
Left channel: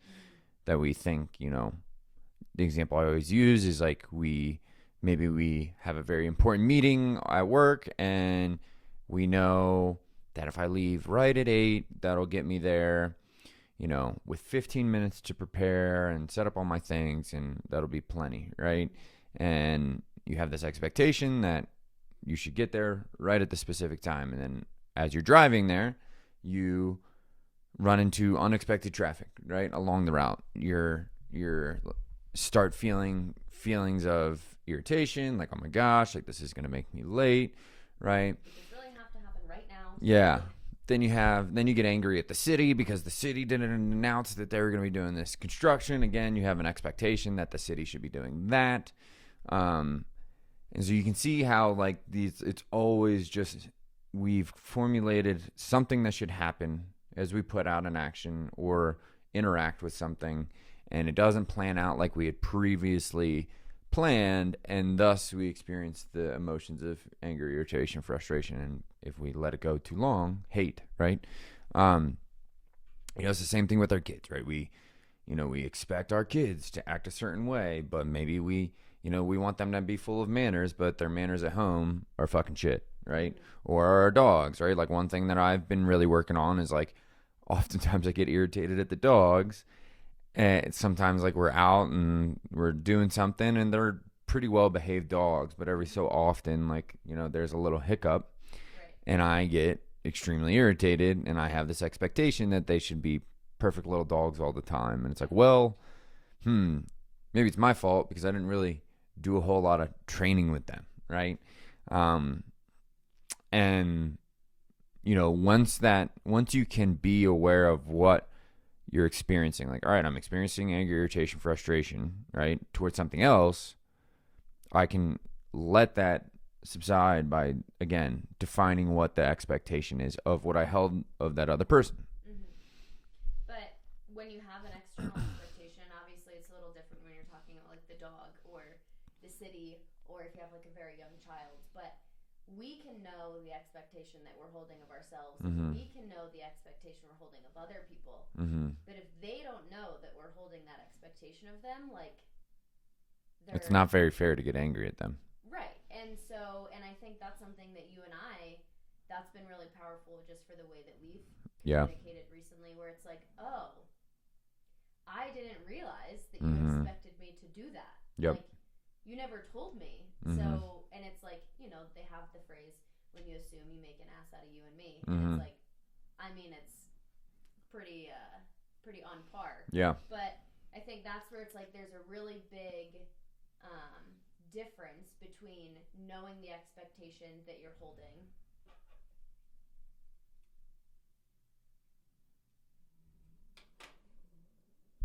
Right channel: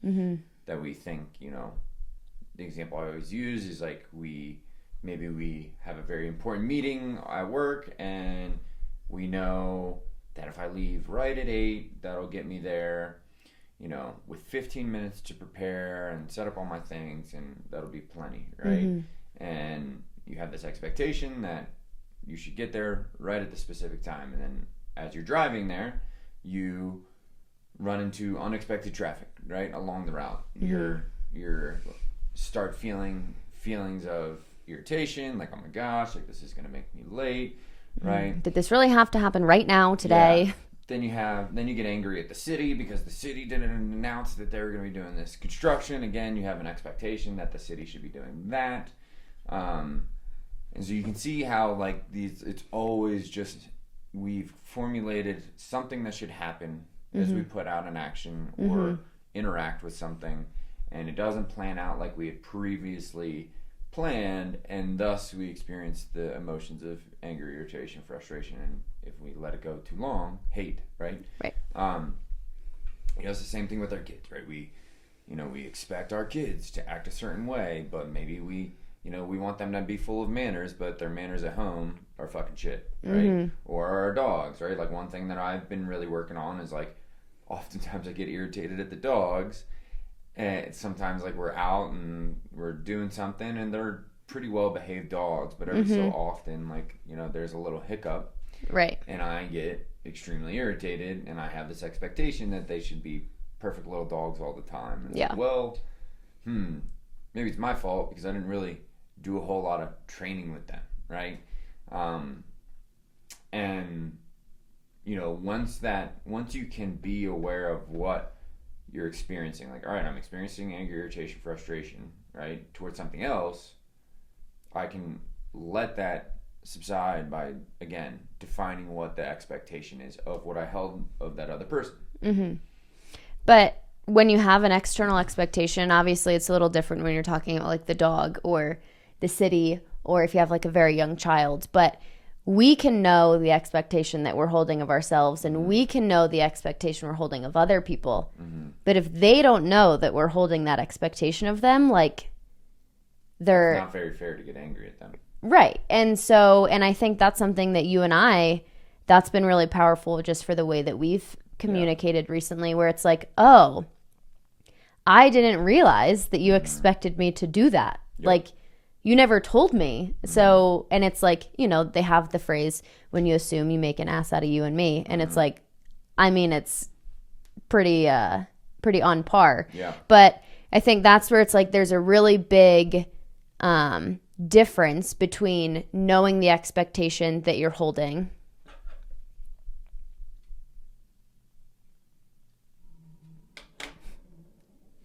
that we think, the example I always use is like maybe we have a very important meeting at work and we know that if I leave right at 8, that'll get me there, with 15 minutes to prepare and set up all my things, and that'll be plenty, right? And you have this expectation that you should get there right at the specific time. And then as you're driving there, you run into unexpected traffic, right? Along the route. You're start feeling feelings of irritation, like, oh my gosh, like this is going to make me late, right? Did this really have to happen right now today? Yeah. Then you get angry at the city because the city didn't announce that they were going to be doing this construction. Again, you have an expectation that the city should be doing that. And so you can see how like it's always just, we've formulated something that should happen as we put out an action or interact with something, and it doesn't plan out like we had previously planned, and thus we experience the emotions of anger, irritation, frustration, and if we let it go too long, hate, right? It's the same thing with our kids, right? We expect our kids to act a certain way, but maybe we want them to be full of manners, but their manners at home are fucking shit, right? Or our dogs, right? Like one thing that I've been really working on is like, oftentimes I get irritated at the dogs. And sometimes like we're out and we're doing something and they're pretty well behaved dogs, but every so often, like, there's a little hiccup. Right. And I get extremely irritated and I have this expectation that they should be perfect little dogs all the time. And it's like, well, maybe it's my fault because I didn't really do a whole lot of training with them, right? And once you can be aware of what you're experiencing, like, all right, I'm experiencing anger, irritation, frustration, right, towards something else, I can let that subside by, again, defining what the expectation is of what I held of that other person. But when you have an external expectation, obviously it's a little different when you're talking about like the dog or the city, or if you have like a very young child. But we can know the expectation that we're holding of ourselves, and we can know the expectation we're holding of other people. But if they don't know that we're holding that expectation of them, like, it's not very fair to get angry at them. Right. And I think that's something that that's been really powerful just for the way that we've communicated recently, where it's like, oh, I didn't realize that you expected me to do that. Like, you never told me. So, and it's like, they have the phrase, when you assume, you make an ass out of you and me. And it's like, I mean, it's pretty on par. Yeah. But I think that's where it's like, there's a really big difference between knowing the expectation that you're holding.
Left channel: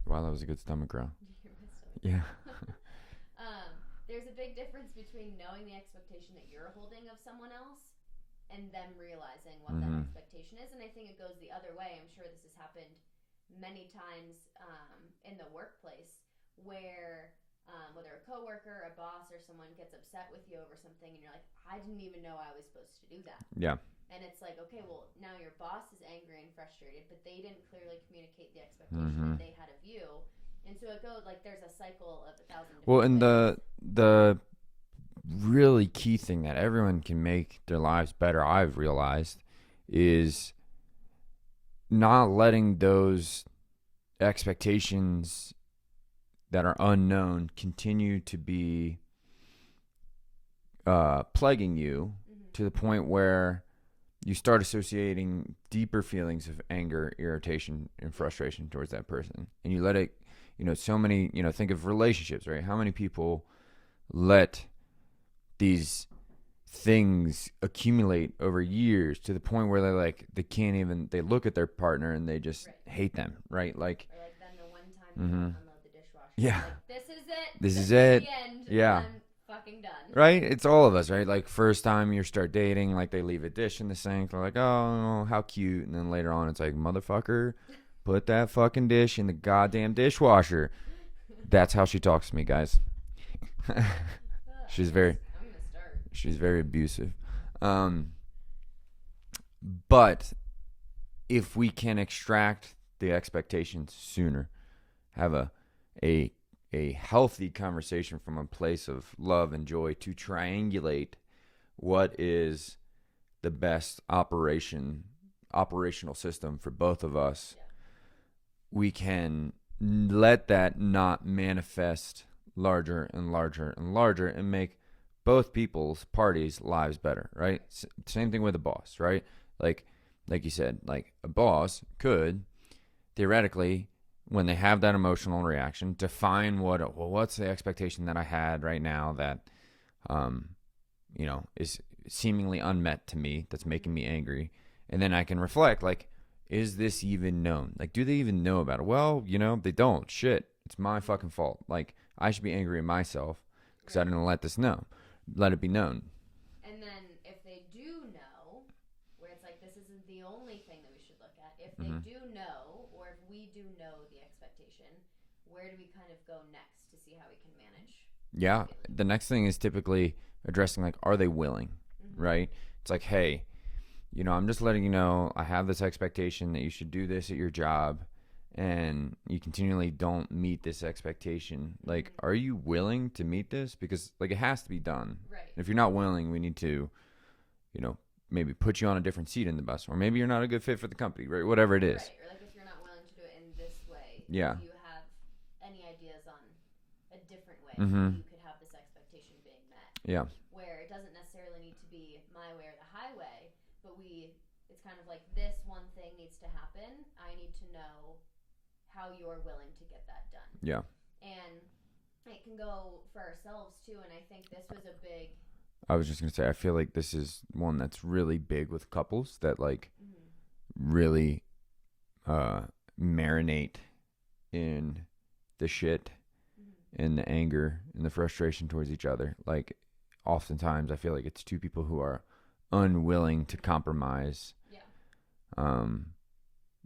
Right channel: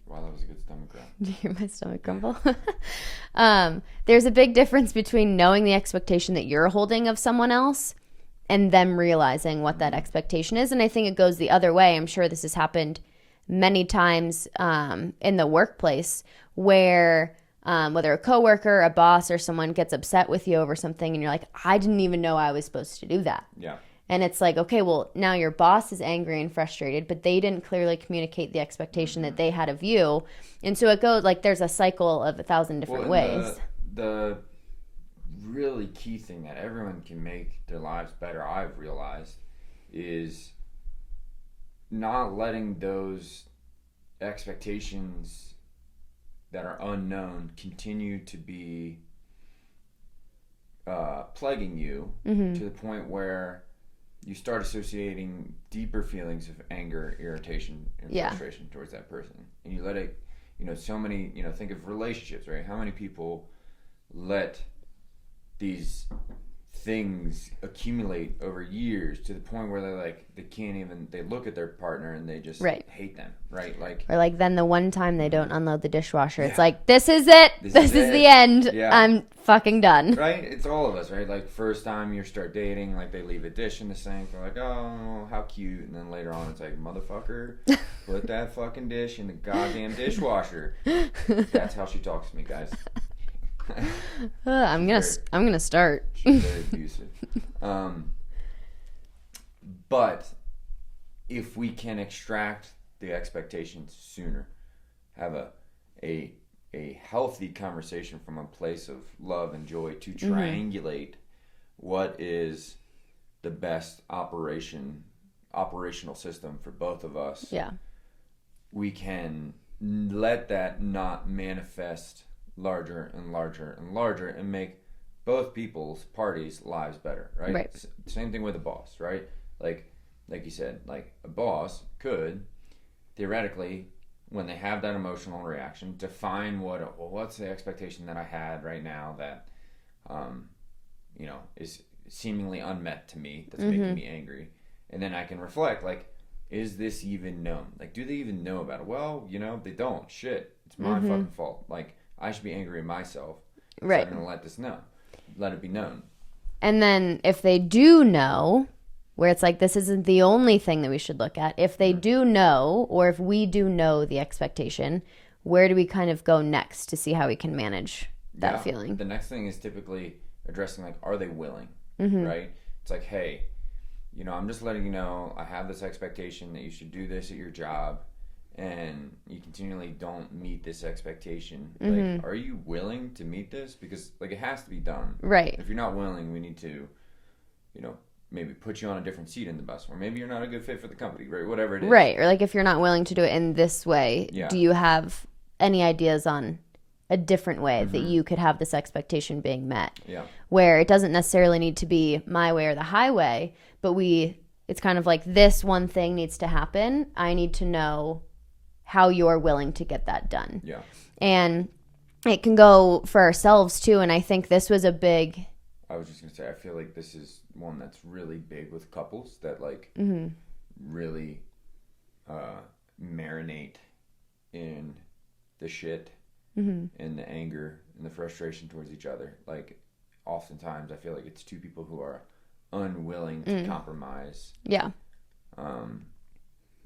Wow, that was a good stomach growl. Did you hear my stomach grumble? There's a big difference between knowing the expectation that you're holding of someone else and them realizing what that expectation is. And I think it goes the other way. I'm sure this has happened many times in the workplace where whether a coworker, a boss, or someone gets upset with you over something and you're like, I didn't even know I was supposed to do that. Yeah. And it's like, okay, well, now your boss is angry and frustrated, but they didn't clearly communicate the expectation that they had of you. And so it goes like there's a cycle of 1,000 different ways. The really key thing that everyone can make their lives better, I've realized, is not letting those expectations that are unknown continue to be plaguing you to the point where you start associating deeper feelings of anger, irritation, and frustration towards that person. And you let it, so many, think of relationships, right? How many people let these things accumulate over years to the point where they can't even, they look at their partner and they just hate them, right? Or like then the one time they don't unload the dishwasher, it's like, this is it. This is the end. Yeah. I'm fucking done. Right? It's all of us, right? Like first time you start dating, like they leave a dish in the sink. They're like, oh, how cute. And then later on it's like, motherfucker, put that fucking dish in the goddamn dishwasher. That's how she talks to me, guys. I'm gonna start. She's very abusive. But if we can extract the expectations sooner, have a healthy conversation from a place of love and joy to triangulate what is the best operational system for both of us. Yeah. We can let that not manifest larger and larger and larger and make both people's parties' lives better, right? Same thing with a boss, right? Like you said, like a boss could theoretically, when they have that emotional reaction, define what's the expectation that I had right now that is seemingly unmet to me, that's making me angry. And then I can reflect, like, is this even known? Like, do they even know about it? Well, they don't. Shit. It's my fucking fault. Like, I should be angry at myself. Right. So I didn't let it be known. And then if they do know, where it's like, this isn't the only thing that we should look at. If they do know, or if we do know the expectation, where do we kind of go next to see how we can manage that feeling? The next thing is typically addressing, like, are they willing? Right? It's like, hey, I'm just letting you know I have this expectation that you should do this at your job, and you continually don't meet this expectation. Like, are you willing to meet this? Because, like, it has to be done. Right. If you're not willing, we need to, maybe put you on a different seat in the bus, or maybe you're not a good fit for the company, right? Whatever it is. Right. Or like if you're not willing to do it in this way, do you have any ideas on a different way that you could have this expectation being met? Yeah. Where it doesn't necessarily need to be my way or the highway, but it's kind of like this one thing needs to happen. I need to know how you're willing to get that done. Yeah. And it can go for ourselves too. And I think this was a big... I was just going to say, I feel like this is one that's really big with couples that really marinate in the shit and the anger and the frustration towards each other. Like, oftentimes I feel like it's two people who are unwilling to compromise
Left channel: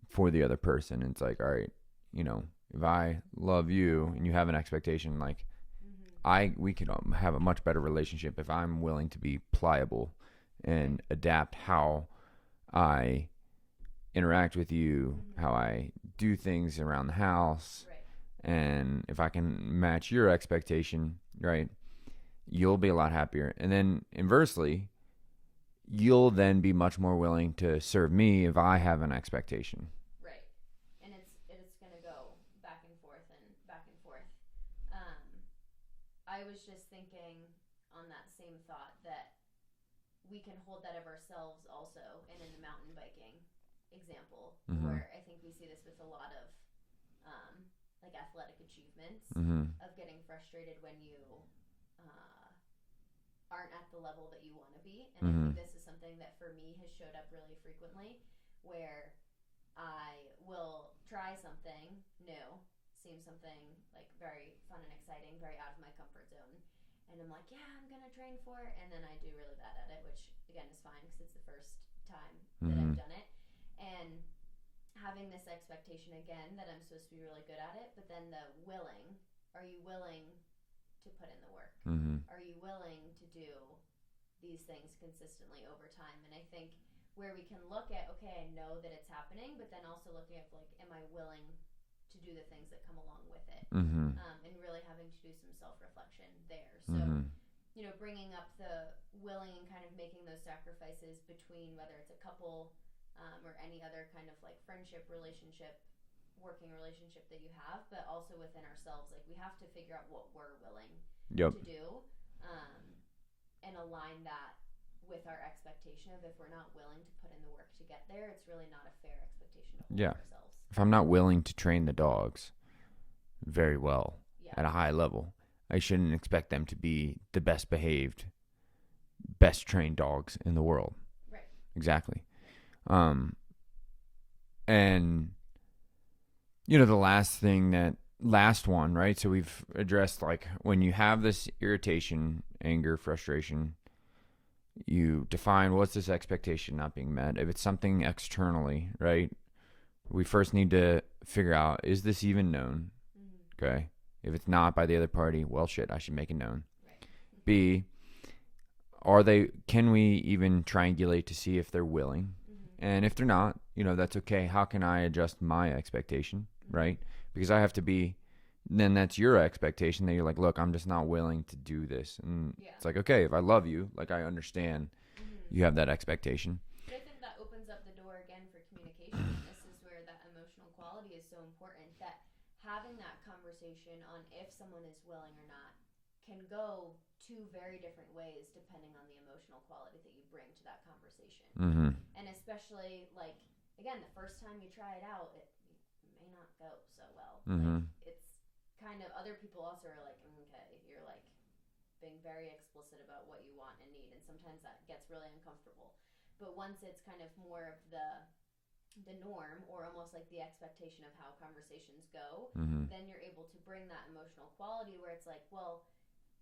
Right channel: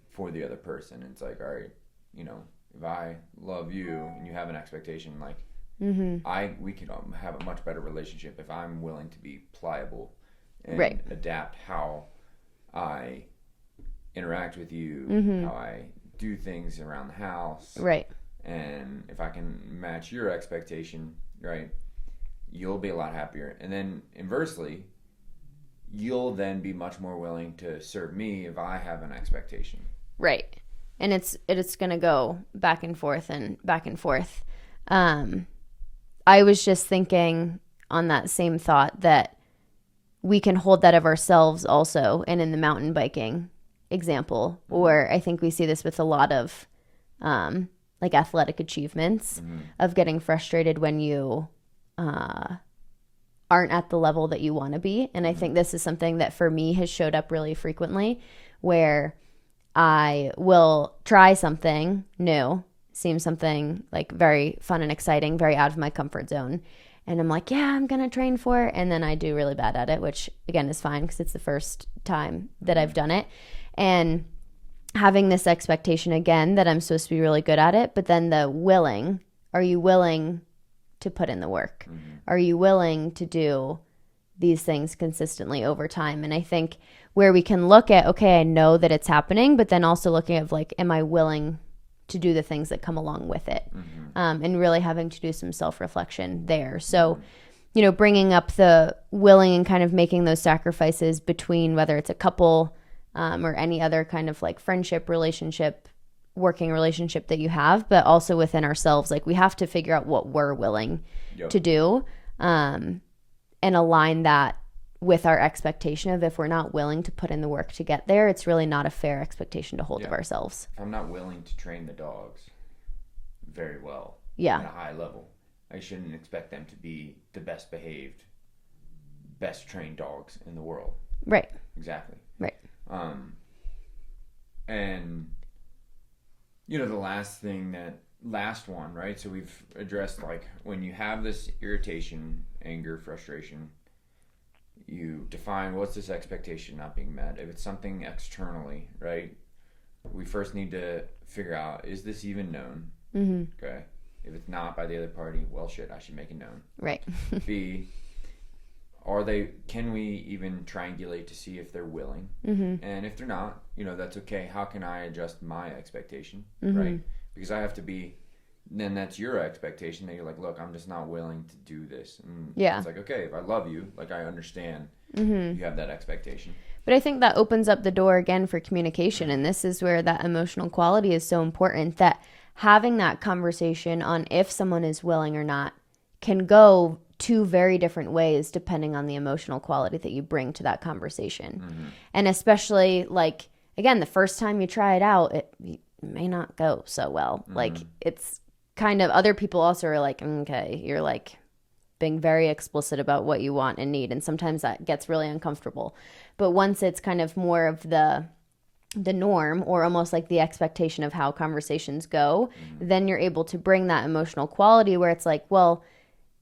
for the other person. And it's like, all right, if I love you and you have an expectation, like, we could have a much better relationship if I'm willing to be pliable and adapt how I interact with you, how I do things around the house. Right. And if I can match your expectation, right, you'll be a lot happier. And then inversely, you'll then be much more willing to serve me if I have an expectation. Right. And it's going to go back and forth and back and forth. I was just thinking on that same thought that we can hold that of ourselves also. And in the mountain biking example, or I think we see this with a lot of like athletic achievements of getting frustrated when you aren't at the level that you want to be. And I think this is something that for me has showed up really frequently, where I will try something new, seems something like very fun and exciting, very out of my comfort zone. And I'm like, yeah, I'm going to train for it. And then I do really bad at it, which again is fine because it's the first time that I've done it. And having this expectation again that I'm supposed to be really good at it, but then are you willing to put in the work? Are you willing to do these things consistently over time? And I think where we can look at, okay, I know that it's happening, but then also looking at like, am I willing to do the things that come along with it? And really having to do some self-reflection there. So, you know, bringing up the willing and kind of making those sacrifices between whether it's a couple or any other kind of like friendship, relationship, working relationship that you have, but also within ourselves. Like we have to figure out what we're willing to do and align that with our expectation of if we're not willing to put in the work to get there, it's really not a fair expectation to hold of ourselves. If I'm not willing to train the dogs very well at a high level, I shouldn't expect them to be the best behaved, best trained dogs in the world. Right. Exactly. Right. And you know, the last one, right? So we've addressed like when you have this irritation, anger, frustration, you define what's this expectation not being met. If it's something externally, right? We first need to figure out, is this even known? Okay. If it's not by the other party, well, shit, I should make it known. Right. B, can we even triangulate to see if they're willing? And if they're not, you know, that's okay. How can I adjust my expectation, right? Because I have to be, then that's your expectation that you're like, look, I'm just not willing to do this. And it's like, okay, if I love you, like I understand you have that expectation. But I think that opens up the door again for communication. And this is where that emotional quality is so important, that having that conversation on if someone is willing or not can go two very different ways depending on the emotional quality that you bring to that conversation. And especially like, again, the first time you try it out, it may not go so well. Like it's kind of, other people also are like, okay, you're like being very explicit about what you want and need. And sometimes that gets really uncomfortable. But once it's kind of more of the norm or almost like the expectation of how conversations go, then you're able to bring that emotional quality where it's like, well,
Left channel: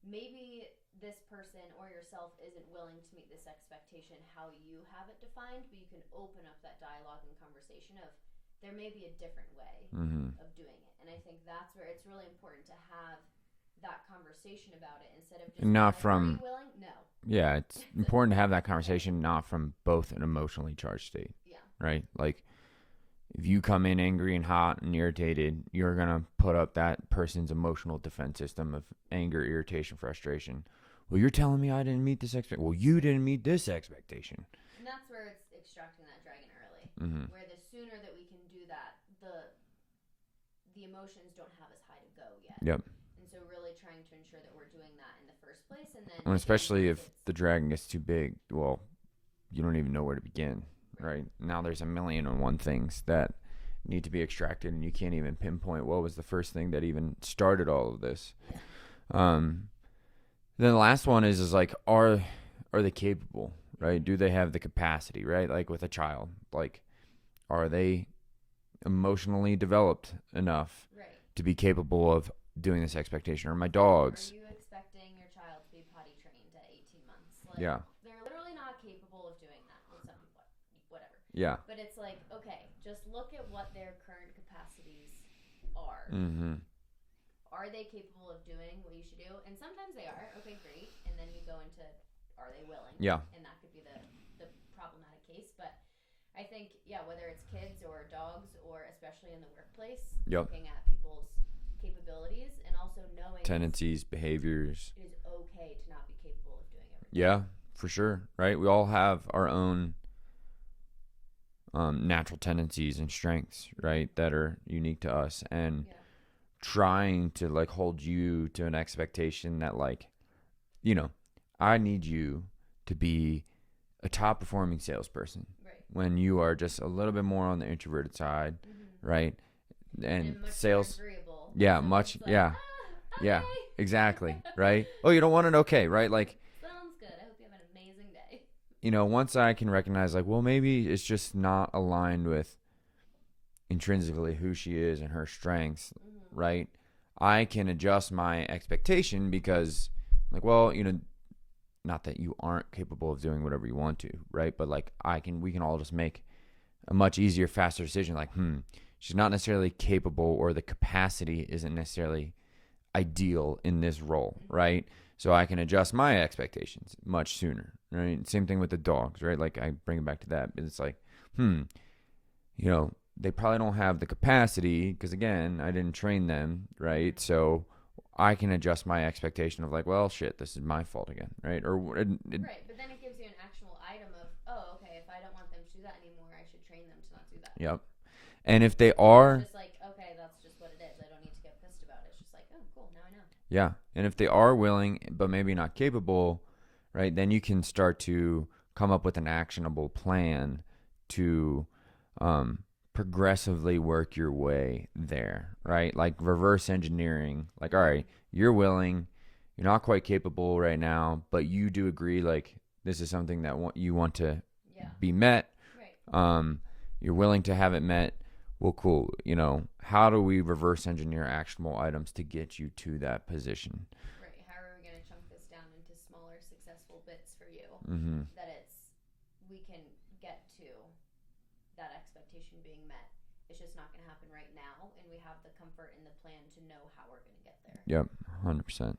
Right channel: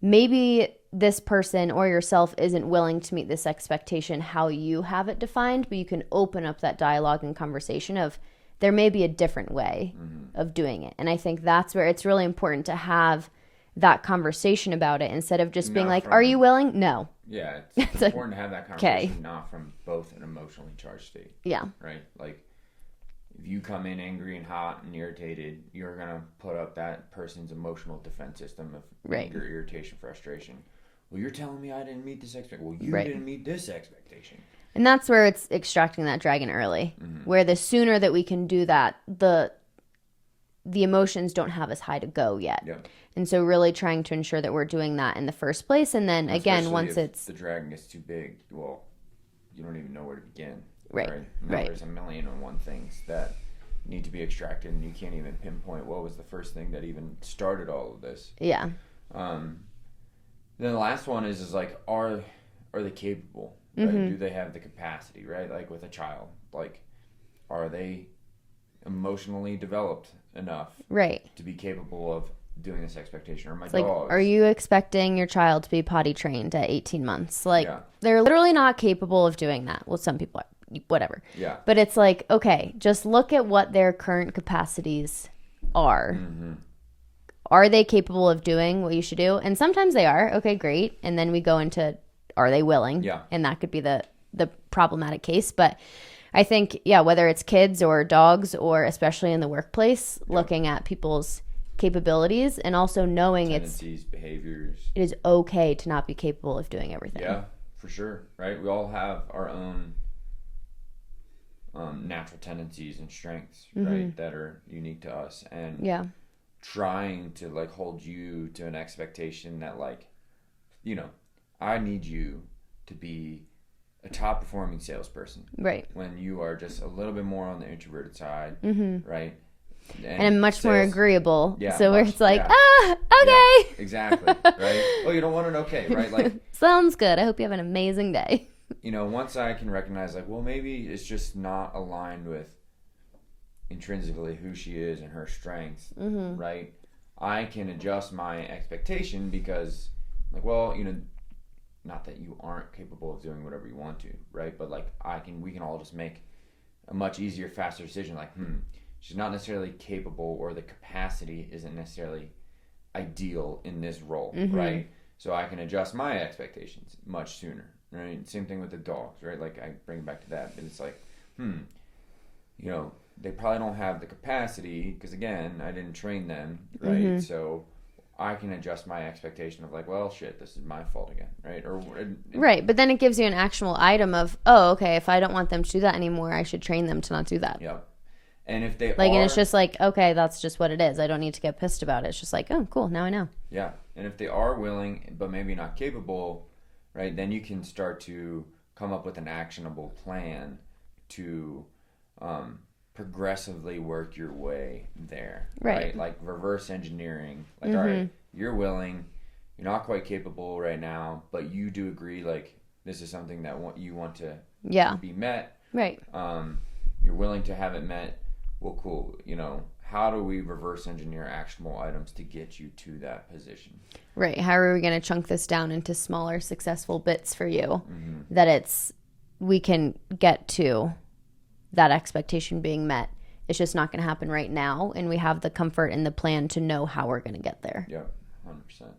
maybe this person or yourself isn't willing to meet this expectation how you have it defined, but you can open up that dialogue and conversation of there may be a different way of doing it. And I think that's where it's really important to have that conversation about it instead of just being like, are you willing? No. Yeah, it's important to have that conversation not from both an emotionally charged state. Yeah. Right? Like, if you come in angry and hot and irritated, you're going to put up that person's emotional defense system of anger, irritation, frustration. Well, you're telling me I didn't meet this expectation. Well, you didn't meet this expectation. And that's where it's extracting that dragon early, where the sooner that we can do that, the emotions don't have as high to go yet. Yep. And so really trying to ensure that we're doing that in the first place. And then, again, once it's... the dragon gets too big, well, you don't even know where to begin. Right. Now there's a million and one things that need to be extracted, and you can't even pinpoint what was the first thing that even started all of this. Yeah. Then the last one is like, are they capable? Right? Do they have the capacity? Right? Like with a child, like, are they emotionally developed enough? Right. To be capable of doing this expectation? Or my dogs? Like, are you expecting your child to be potty trained at 18 months? Like, they're literally not capable of doing that. Well, some people are. Whatever. Yeah. But it's like, okay, just look at what their current capacities are. Are they capable of doing what you should do? And sometimes they are. Okay, great. And then we go into, are they willing? Yeah. And that could be the problematic case. But I think, whether it's kids or dogs or especially in the workplace, looking at people's capabilities and also knowing tendencies, behaviors. It is okay to not be capable of doing everything. Yeah, for sure. Right? We all have our own natural tendencies and strengths, right, that are unique to us, and trying to like hold you to an expectation that, like, you know, I need you to be a top performing salesperson, right, when you are just a little bit more on the introverted side, right, and much more agreeable, so where it's like, okay, exactly, right. Oh, you don't want an okay, right? Like, sounds good, I hope you have an amazing day. You know, once I can recognize, like, well, maybe it's just not aligned with intrinsically who she is and her strengths, right? I can adjust my expectation because, like, well, you know, not that you aren't capable of doing whatever you want to, right? But, like, we can all just make a much easier, faster decision. Like, she's not necessarily capable, or the capacity isn't necessarily ideal in this role, right? So I can adjust my expectations much sooner. right? Same thing with the dogs, right? Like I bring it back to that. It's like, you know, they probably don't have the capacity because, again, I didn't train them, right? Mm-hmm. So I can adjust my expectation of like, well, shit, this is my fault again, right? Right, but then it gives you an actual item of, oh, okay, if I don't want them to do that anymore, I should train them to not do that. Yep. And if they like, and it's just like, okay, that's just what it is. I don't need to get pissed about it. It's just like, oh, cool, now I know. Yeah, and if they are willing but maybe not capable, right, then you can start to come up with an actionable plan to progressively work your way there, right? Like reverse engineering. Like, all right, you're willing, you're not quite capable right now, but you do agree, like, this is something that you want to be met. Right. You're willing to have it met. Well, cool. You know, how do we reverse engineer actionable items to get you to that position? Right. How are we going to chunk this down into smaller, successful bits for you that we can get to that expectation being met? It's just not going to happen right now, and we have the comfort and the plan to know how we're going to get there. Yep, 100%.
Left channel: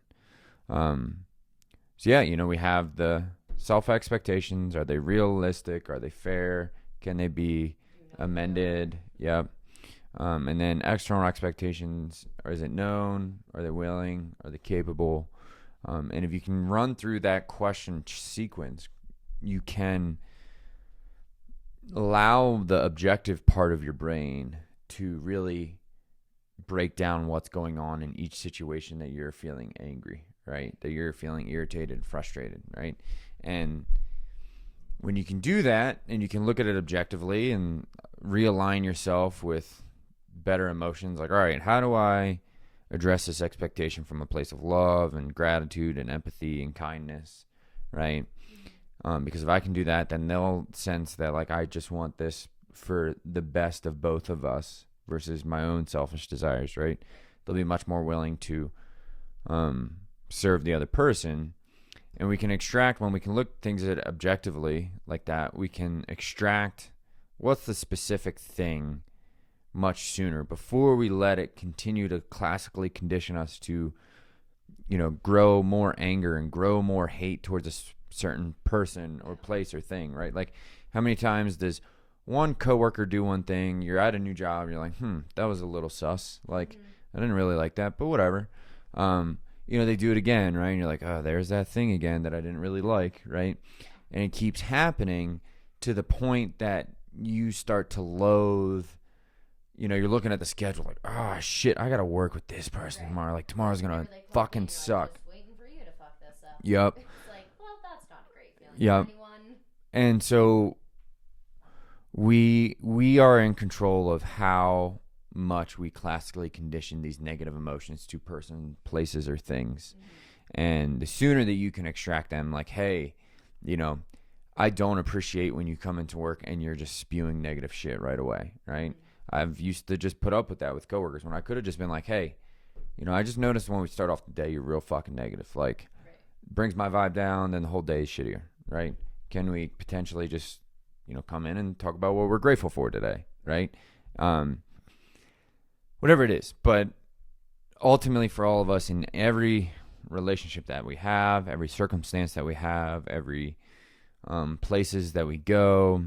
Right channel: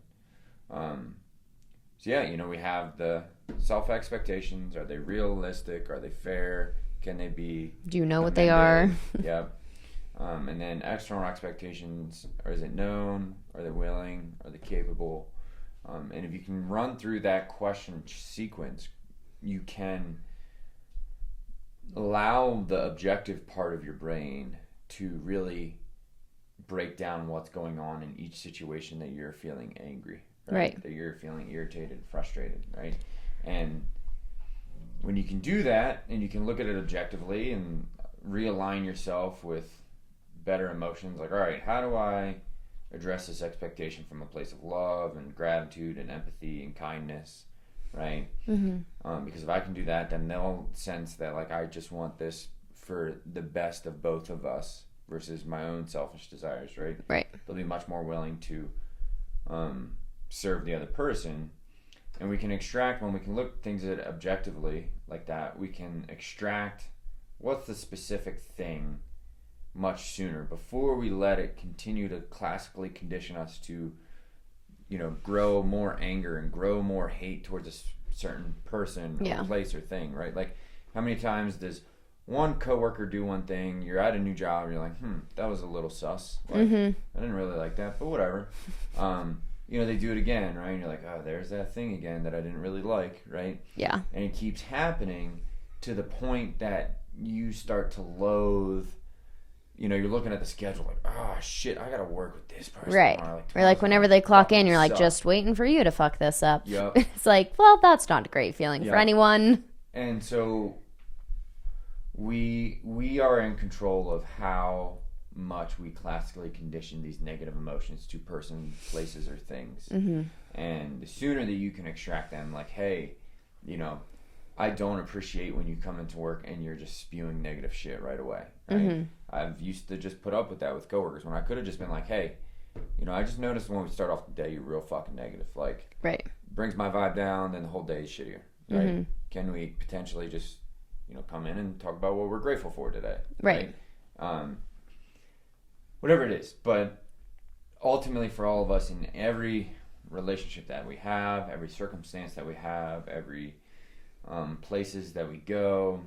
So yeah, you know, we have the self expectations. Are they realistic? Are they fair? Can they be? Do you know amended? What they are? Yep. And then external expectations. Is it known? Are they willing? Are they capable? And if you can run through that question sequence, you can allow the objective part of your brain to really break down what's going on in each situation that you're feeling angry, right? That you're feeling irritated, frustrated, right? And when you can do that and you can look at it objectively and realign yourself with better emotions, like, all right, how do I address this expectation from a place of love and gratitude and empathy and kindness, right? Because if I can do that, then they'll sense that, like, I just want this for the best of both of us versus my own selfish desires, right? Right. They'll be much more willing to serve the other person. And we can extract, when we can look things at objectively like that, we can extract what's the specific thing much sooner before we let it continue to classically condition us to, you know, grow more anger and grow more hate towards a certain person or place or thing, right? Like, how many times does one coworker do one thing, you're at a new job, you're like, that was a little sus. Like, I didn't really like that, but whatever. You know, they do it again, right? And you're like, oh, there's that thing again that I didn't really like, right? Yeah. And it keeps happening to the point that you start to loathe, you know, you're looking at the schedule like, oh, shit, I got to work with this person tomorrow. Like, or like whenever they clock in, you're like, just waiting for you to fuck this up. Yep. It's like, well, that's not a great feeling for anyone. And so we are in control of how much we classically condition these negative emotions to person, places, or things. And the sooner that you can extract them, like, hey, you know, I don't appreciate when you come into work and you're just spewing negative shit right away, right? I've used to just put up with that with coworkers when I could have just been like, hey, you know, I just noticed when we start off the day, you're real fucking negative. Like, brings my vibe down, then the whole day is shittier, right? Can we potentially just, you know, come in and talk about what we're grateful for today, right? Whatever it is. But ultimately for all of us, in every relationship that we have, every circumstance that we have, every places that we go,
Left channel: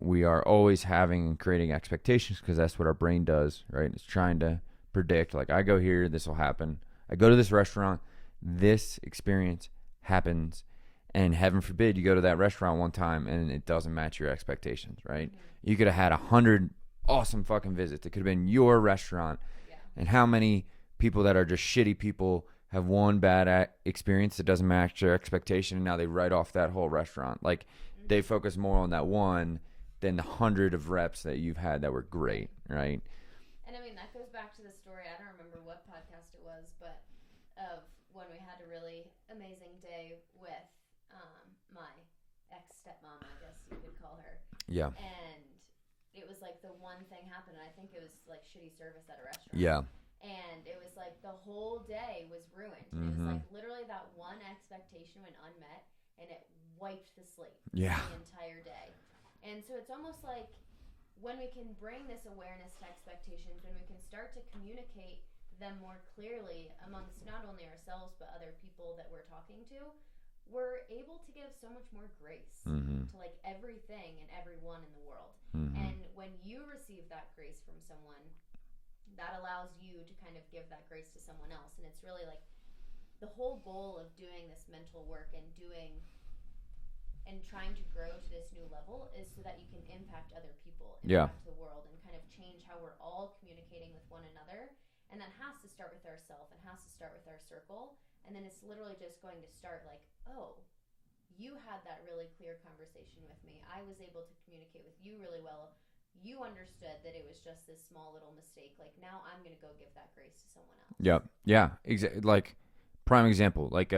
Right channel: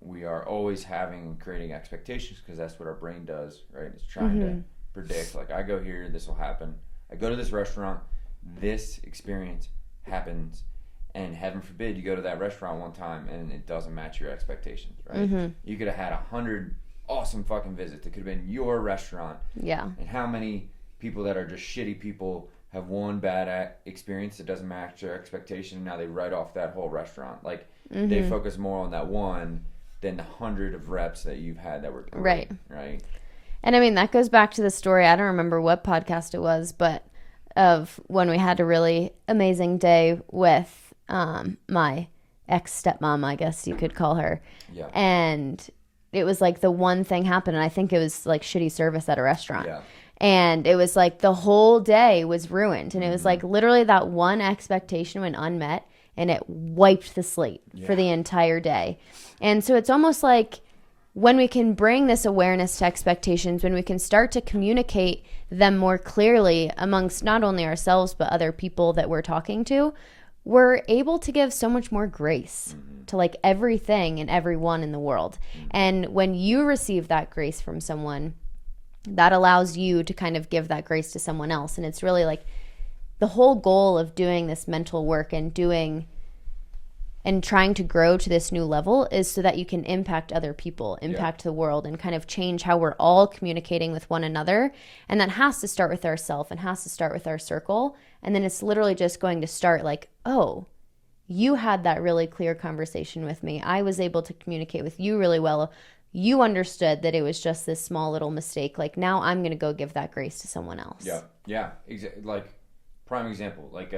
we are always having and creating expectations, because that's what our brain does, right? It's trying to predict, like, I go here, this will happen. I go to this restaurant, this experience happens. And heaven forbid you go to that restaurant one time and it doesn't match your expectations, right? You could have had 100 awesome fucking visits. It could have been your restaurant. Yeah. And how many people that are just shitty people have one bad experience that doesn't match their expectation, and now they write off that whole restaurant. Like, they focus more on that one than the 100 of reps that you've had that were great, right? And I mean, that goes back to the story, I don't remember what podcast it was, but of when we had a really amazing day with my ex-stepmom, I guess you could call her. Yeah. And it was like the one thing happened, and I think it was like shitty service at a restaurant. Yeah. And it was like the whole day was ruined. And it was like literally that one expectation went unmet, and it wiped the slate for the entire day. And so it's almost like when we can bring this awareness to expectations, when we can start to communicate them more clearly amongst not only ourselves but other people that we're talking to, we're able to give so much more grace to like everything and everyone in the world. And when you receive that grace from someone, that allows you to kind of give that grace to someone else. And it's really like the whole goal of doing this mental work and trying to grow to this new level is so that you can impact other people, impact the world, and kind of change how we're all communicating with one another. And that has to start with ourselves and has to start with our circle. And then it's literally just going to start like, oh, you had that really clear conversation with me. I was able to communicate with you really well. You understood that it was just this small little mistake. Like, now I'm going to go give that grace to someone else. Yeah. Like, prime example, like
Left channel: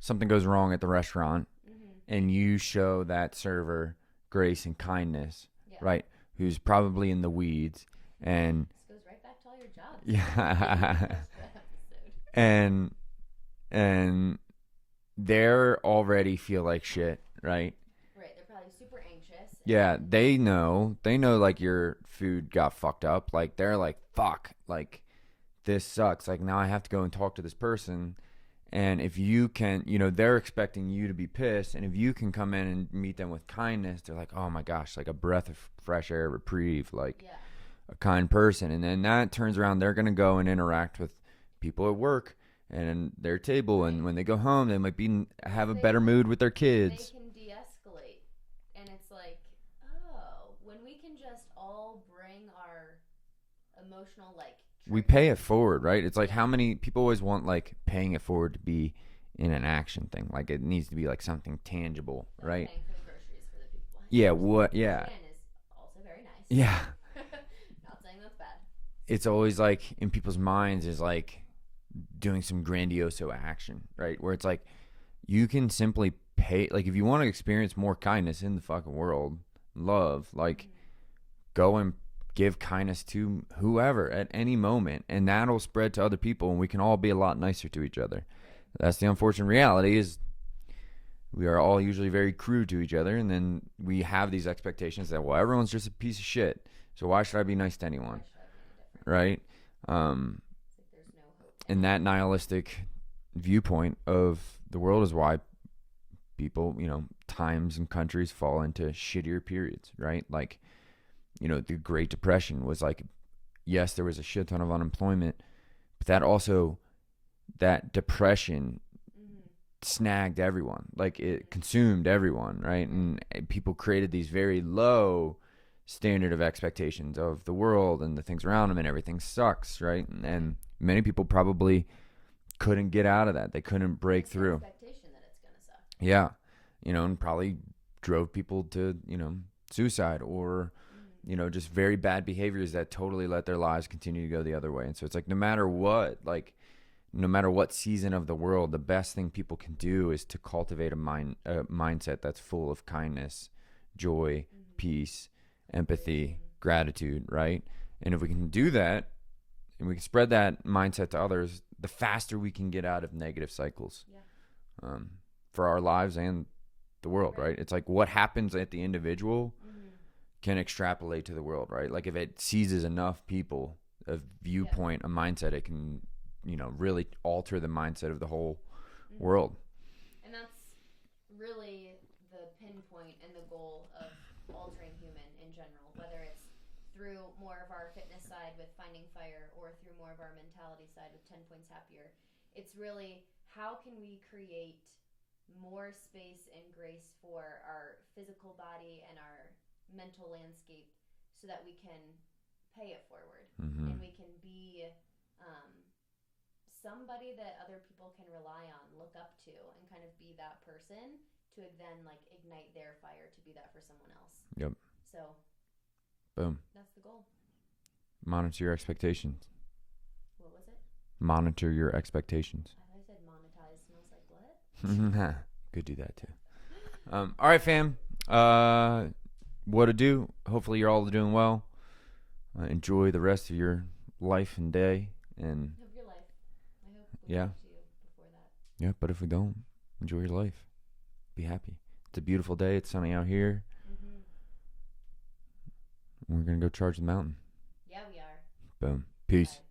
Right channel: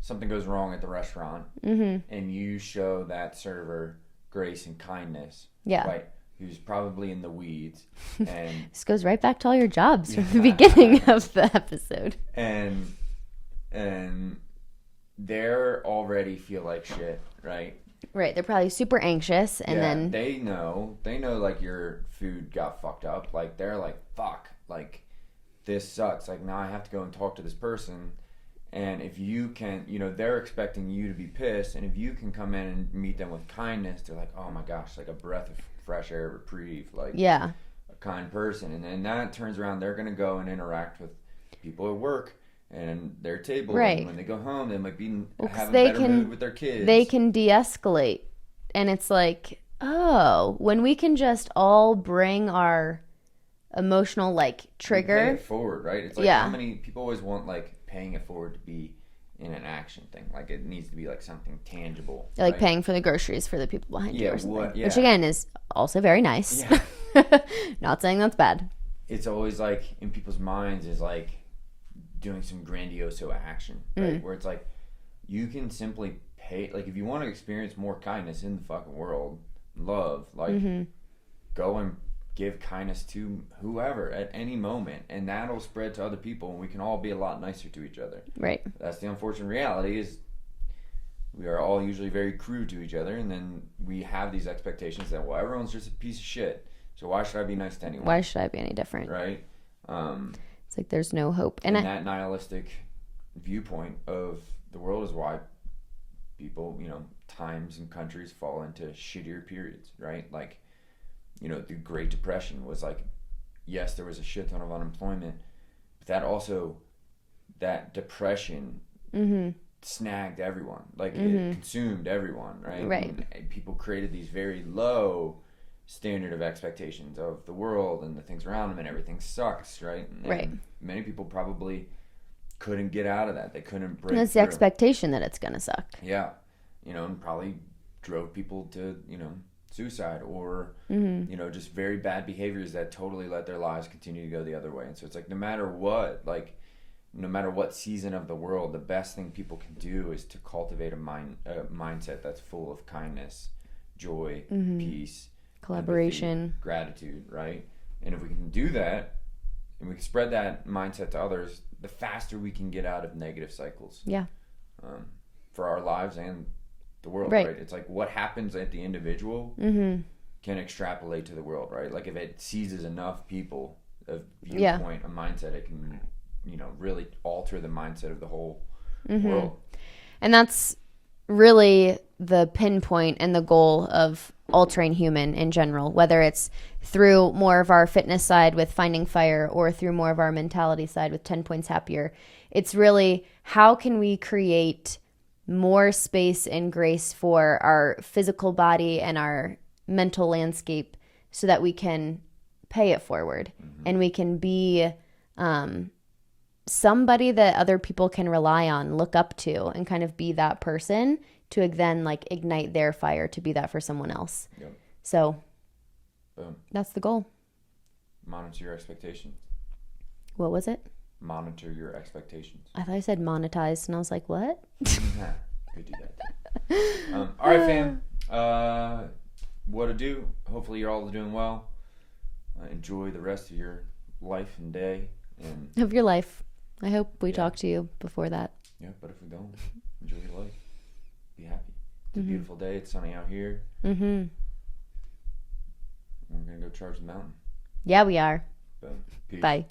something goes wrong at the restaurant and you show that server grace and kindness, right? Who's probably in the weeds. And this goes right back to all your jobs from the beginning of the episode. And they're already feel like shit, right? Right. They're probably super anxious. And then they know like your food got fucked up. Like, they're like, fuck, like this sucks. Like, now I have to go and talk to this person. And if you can, they're expecting you to be pissed. And if you can come in and meet them with kindness, they're like, oh my gosh, like a breath of fresh air, reprieve, like a kind person. And then that turns around, they're going to go and interact with people at work and their table. Right. And when they go home, they might have a better mood with their kids. They can de-escalate. And it's like, oh, when we can just all bring our emotional like trigger, pay it forward, right? It's like how many people always want like paying it forward to be in an action thing. Like, it needs to be like something tangible, like paying for the groceries for the people behind you. Which again is also very nice. Not saying that's bad. It's always like in people's minds is like doing some grandiose action, right? Where it's like you can simply pay, like if you want to experience more kindness in the fucking world, love, like go and give kindness to whoever at any moment, and that'll spread to other people, and we can all be a lot nicer to each other. Right. That's the unfortunate reality, is we are all usually very crude to each other, and then we have these expectations that, well, everyone's just a piece of shit, so why should I be nice to anyone? Why should I be any different? Right. It's like there's no hope. And that nihilistic viewpoint of the world is why people, times and countries fall into shittier periods, right? Like, the Great Depression was like, yes, there was a shit ton of unemployment, but that depression snagged everyone. Like, it consumed everyone, right? And people created these very low standard of expectations of the world and the things around them, and everything sucks, right? And many people probably couldn't get out of that. They couldn't break through. It's the expectation that it's going to suck. Yeah. And probably drove people to, suicide or, just very bad behaviors that totally let their lives continue to go the other way. And so it's like, no matter what season of the world, the best thing people can do is to cultivate a mindset that's full of kindness, joy, peace, collaboration, empathy, gratitude, right? And if we can do that and we can spread that mindset to others, the faster we can get out of negative cycles. Yeah. For our lives and the world, right? It's like what happens at the individual can extrapolate to the world, right? Like if it seizes enough people, a viewpoint, a mindset, it can, really alter the mindset of the whole world. And that's really the pinpoint and the goal of All Train Human in general, whether it's through more of our fitness side with Finding Fire or through more of our mentality side with 10 Points Happier. It's really, how can we create more space and grace for our physical body and our mental landscape so that we can pay it forward and we can be somebody that other people can rely on, look up to, and kind of be that person to then like ignite their fire to be that for someone else. Yep. So boom. That's the goal. Monitor your expectations. What was it? Monitor your expectations. I thought I said monetized, and I was like, what? Could do that too. All right, fam. What to do? Hopefully you're all doing well. Enjoy the rest of your life and day. And of your life. I hope we talk to you before that. Yeah, but if we don't, enjoy your life. Be happy. It's a beautiful day. It's sunny out here. We're going to go charge the mountain. Yeah, we are. Boom. Peace. Bye.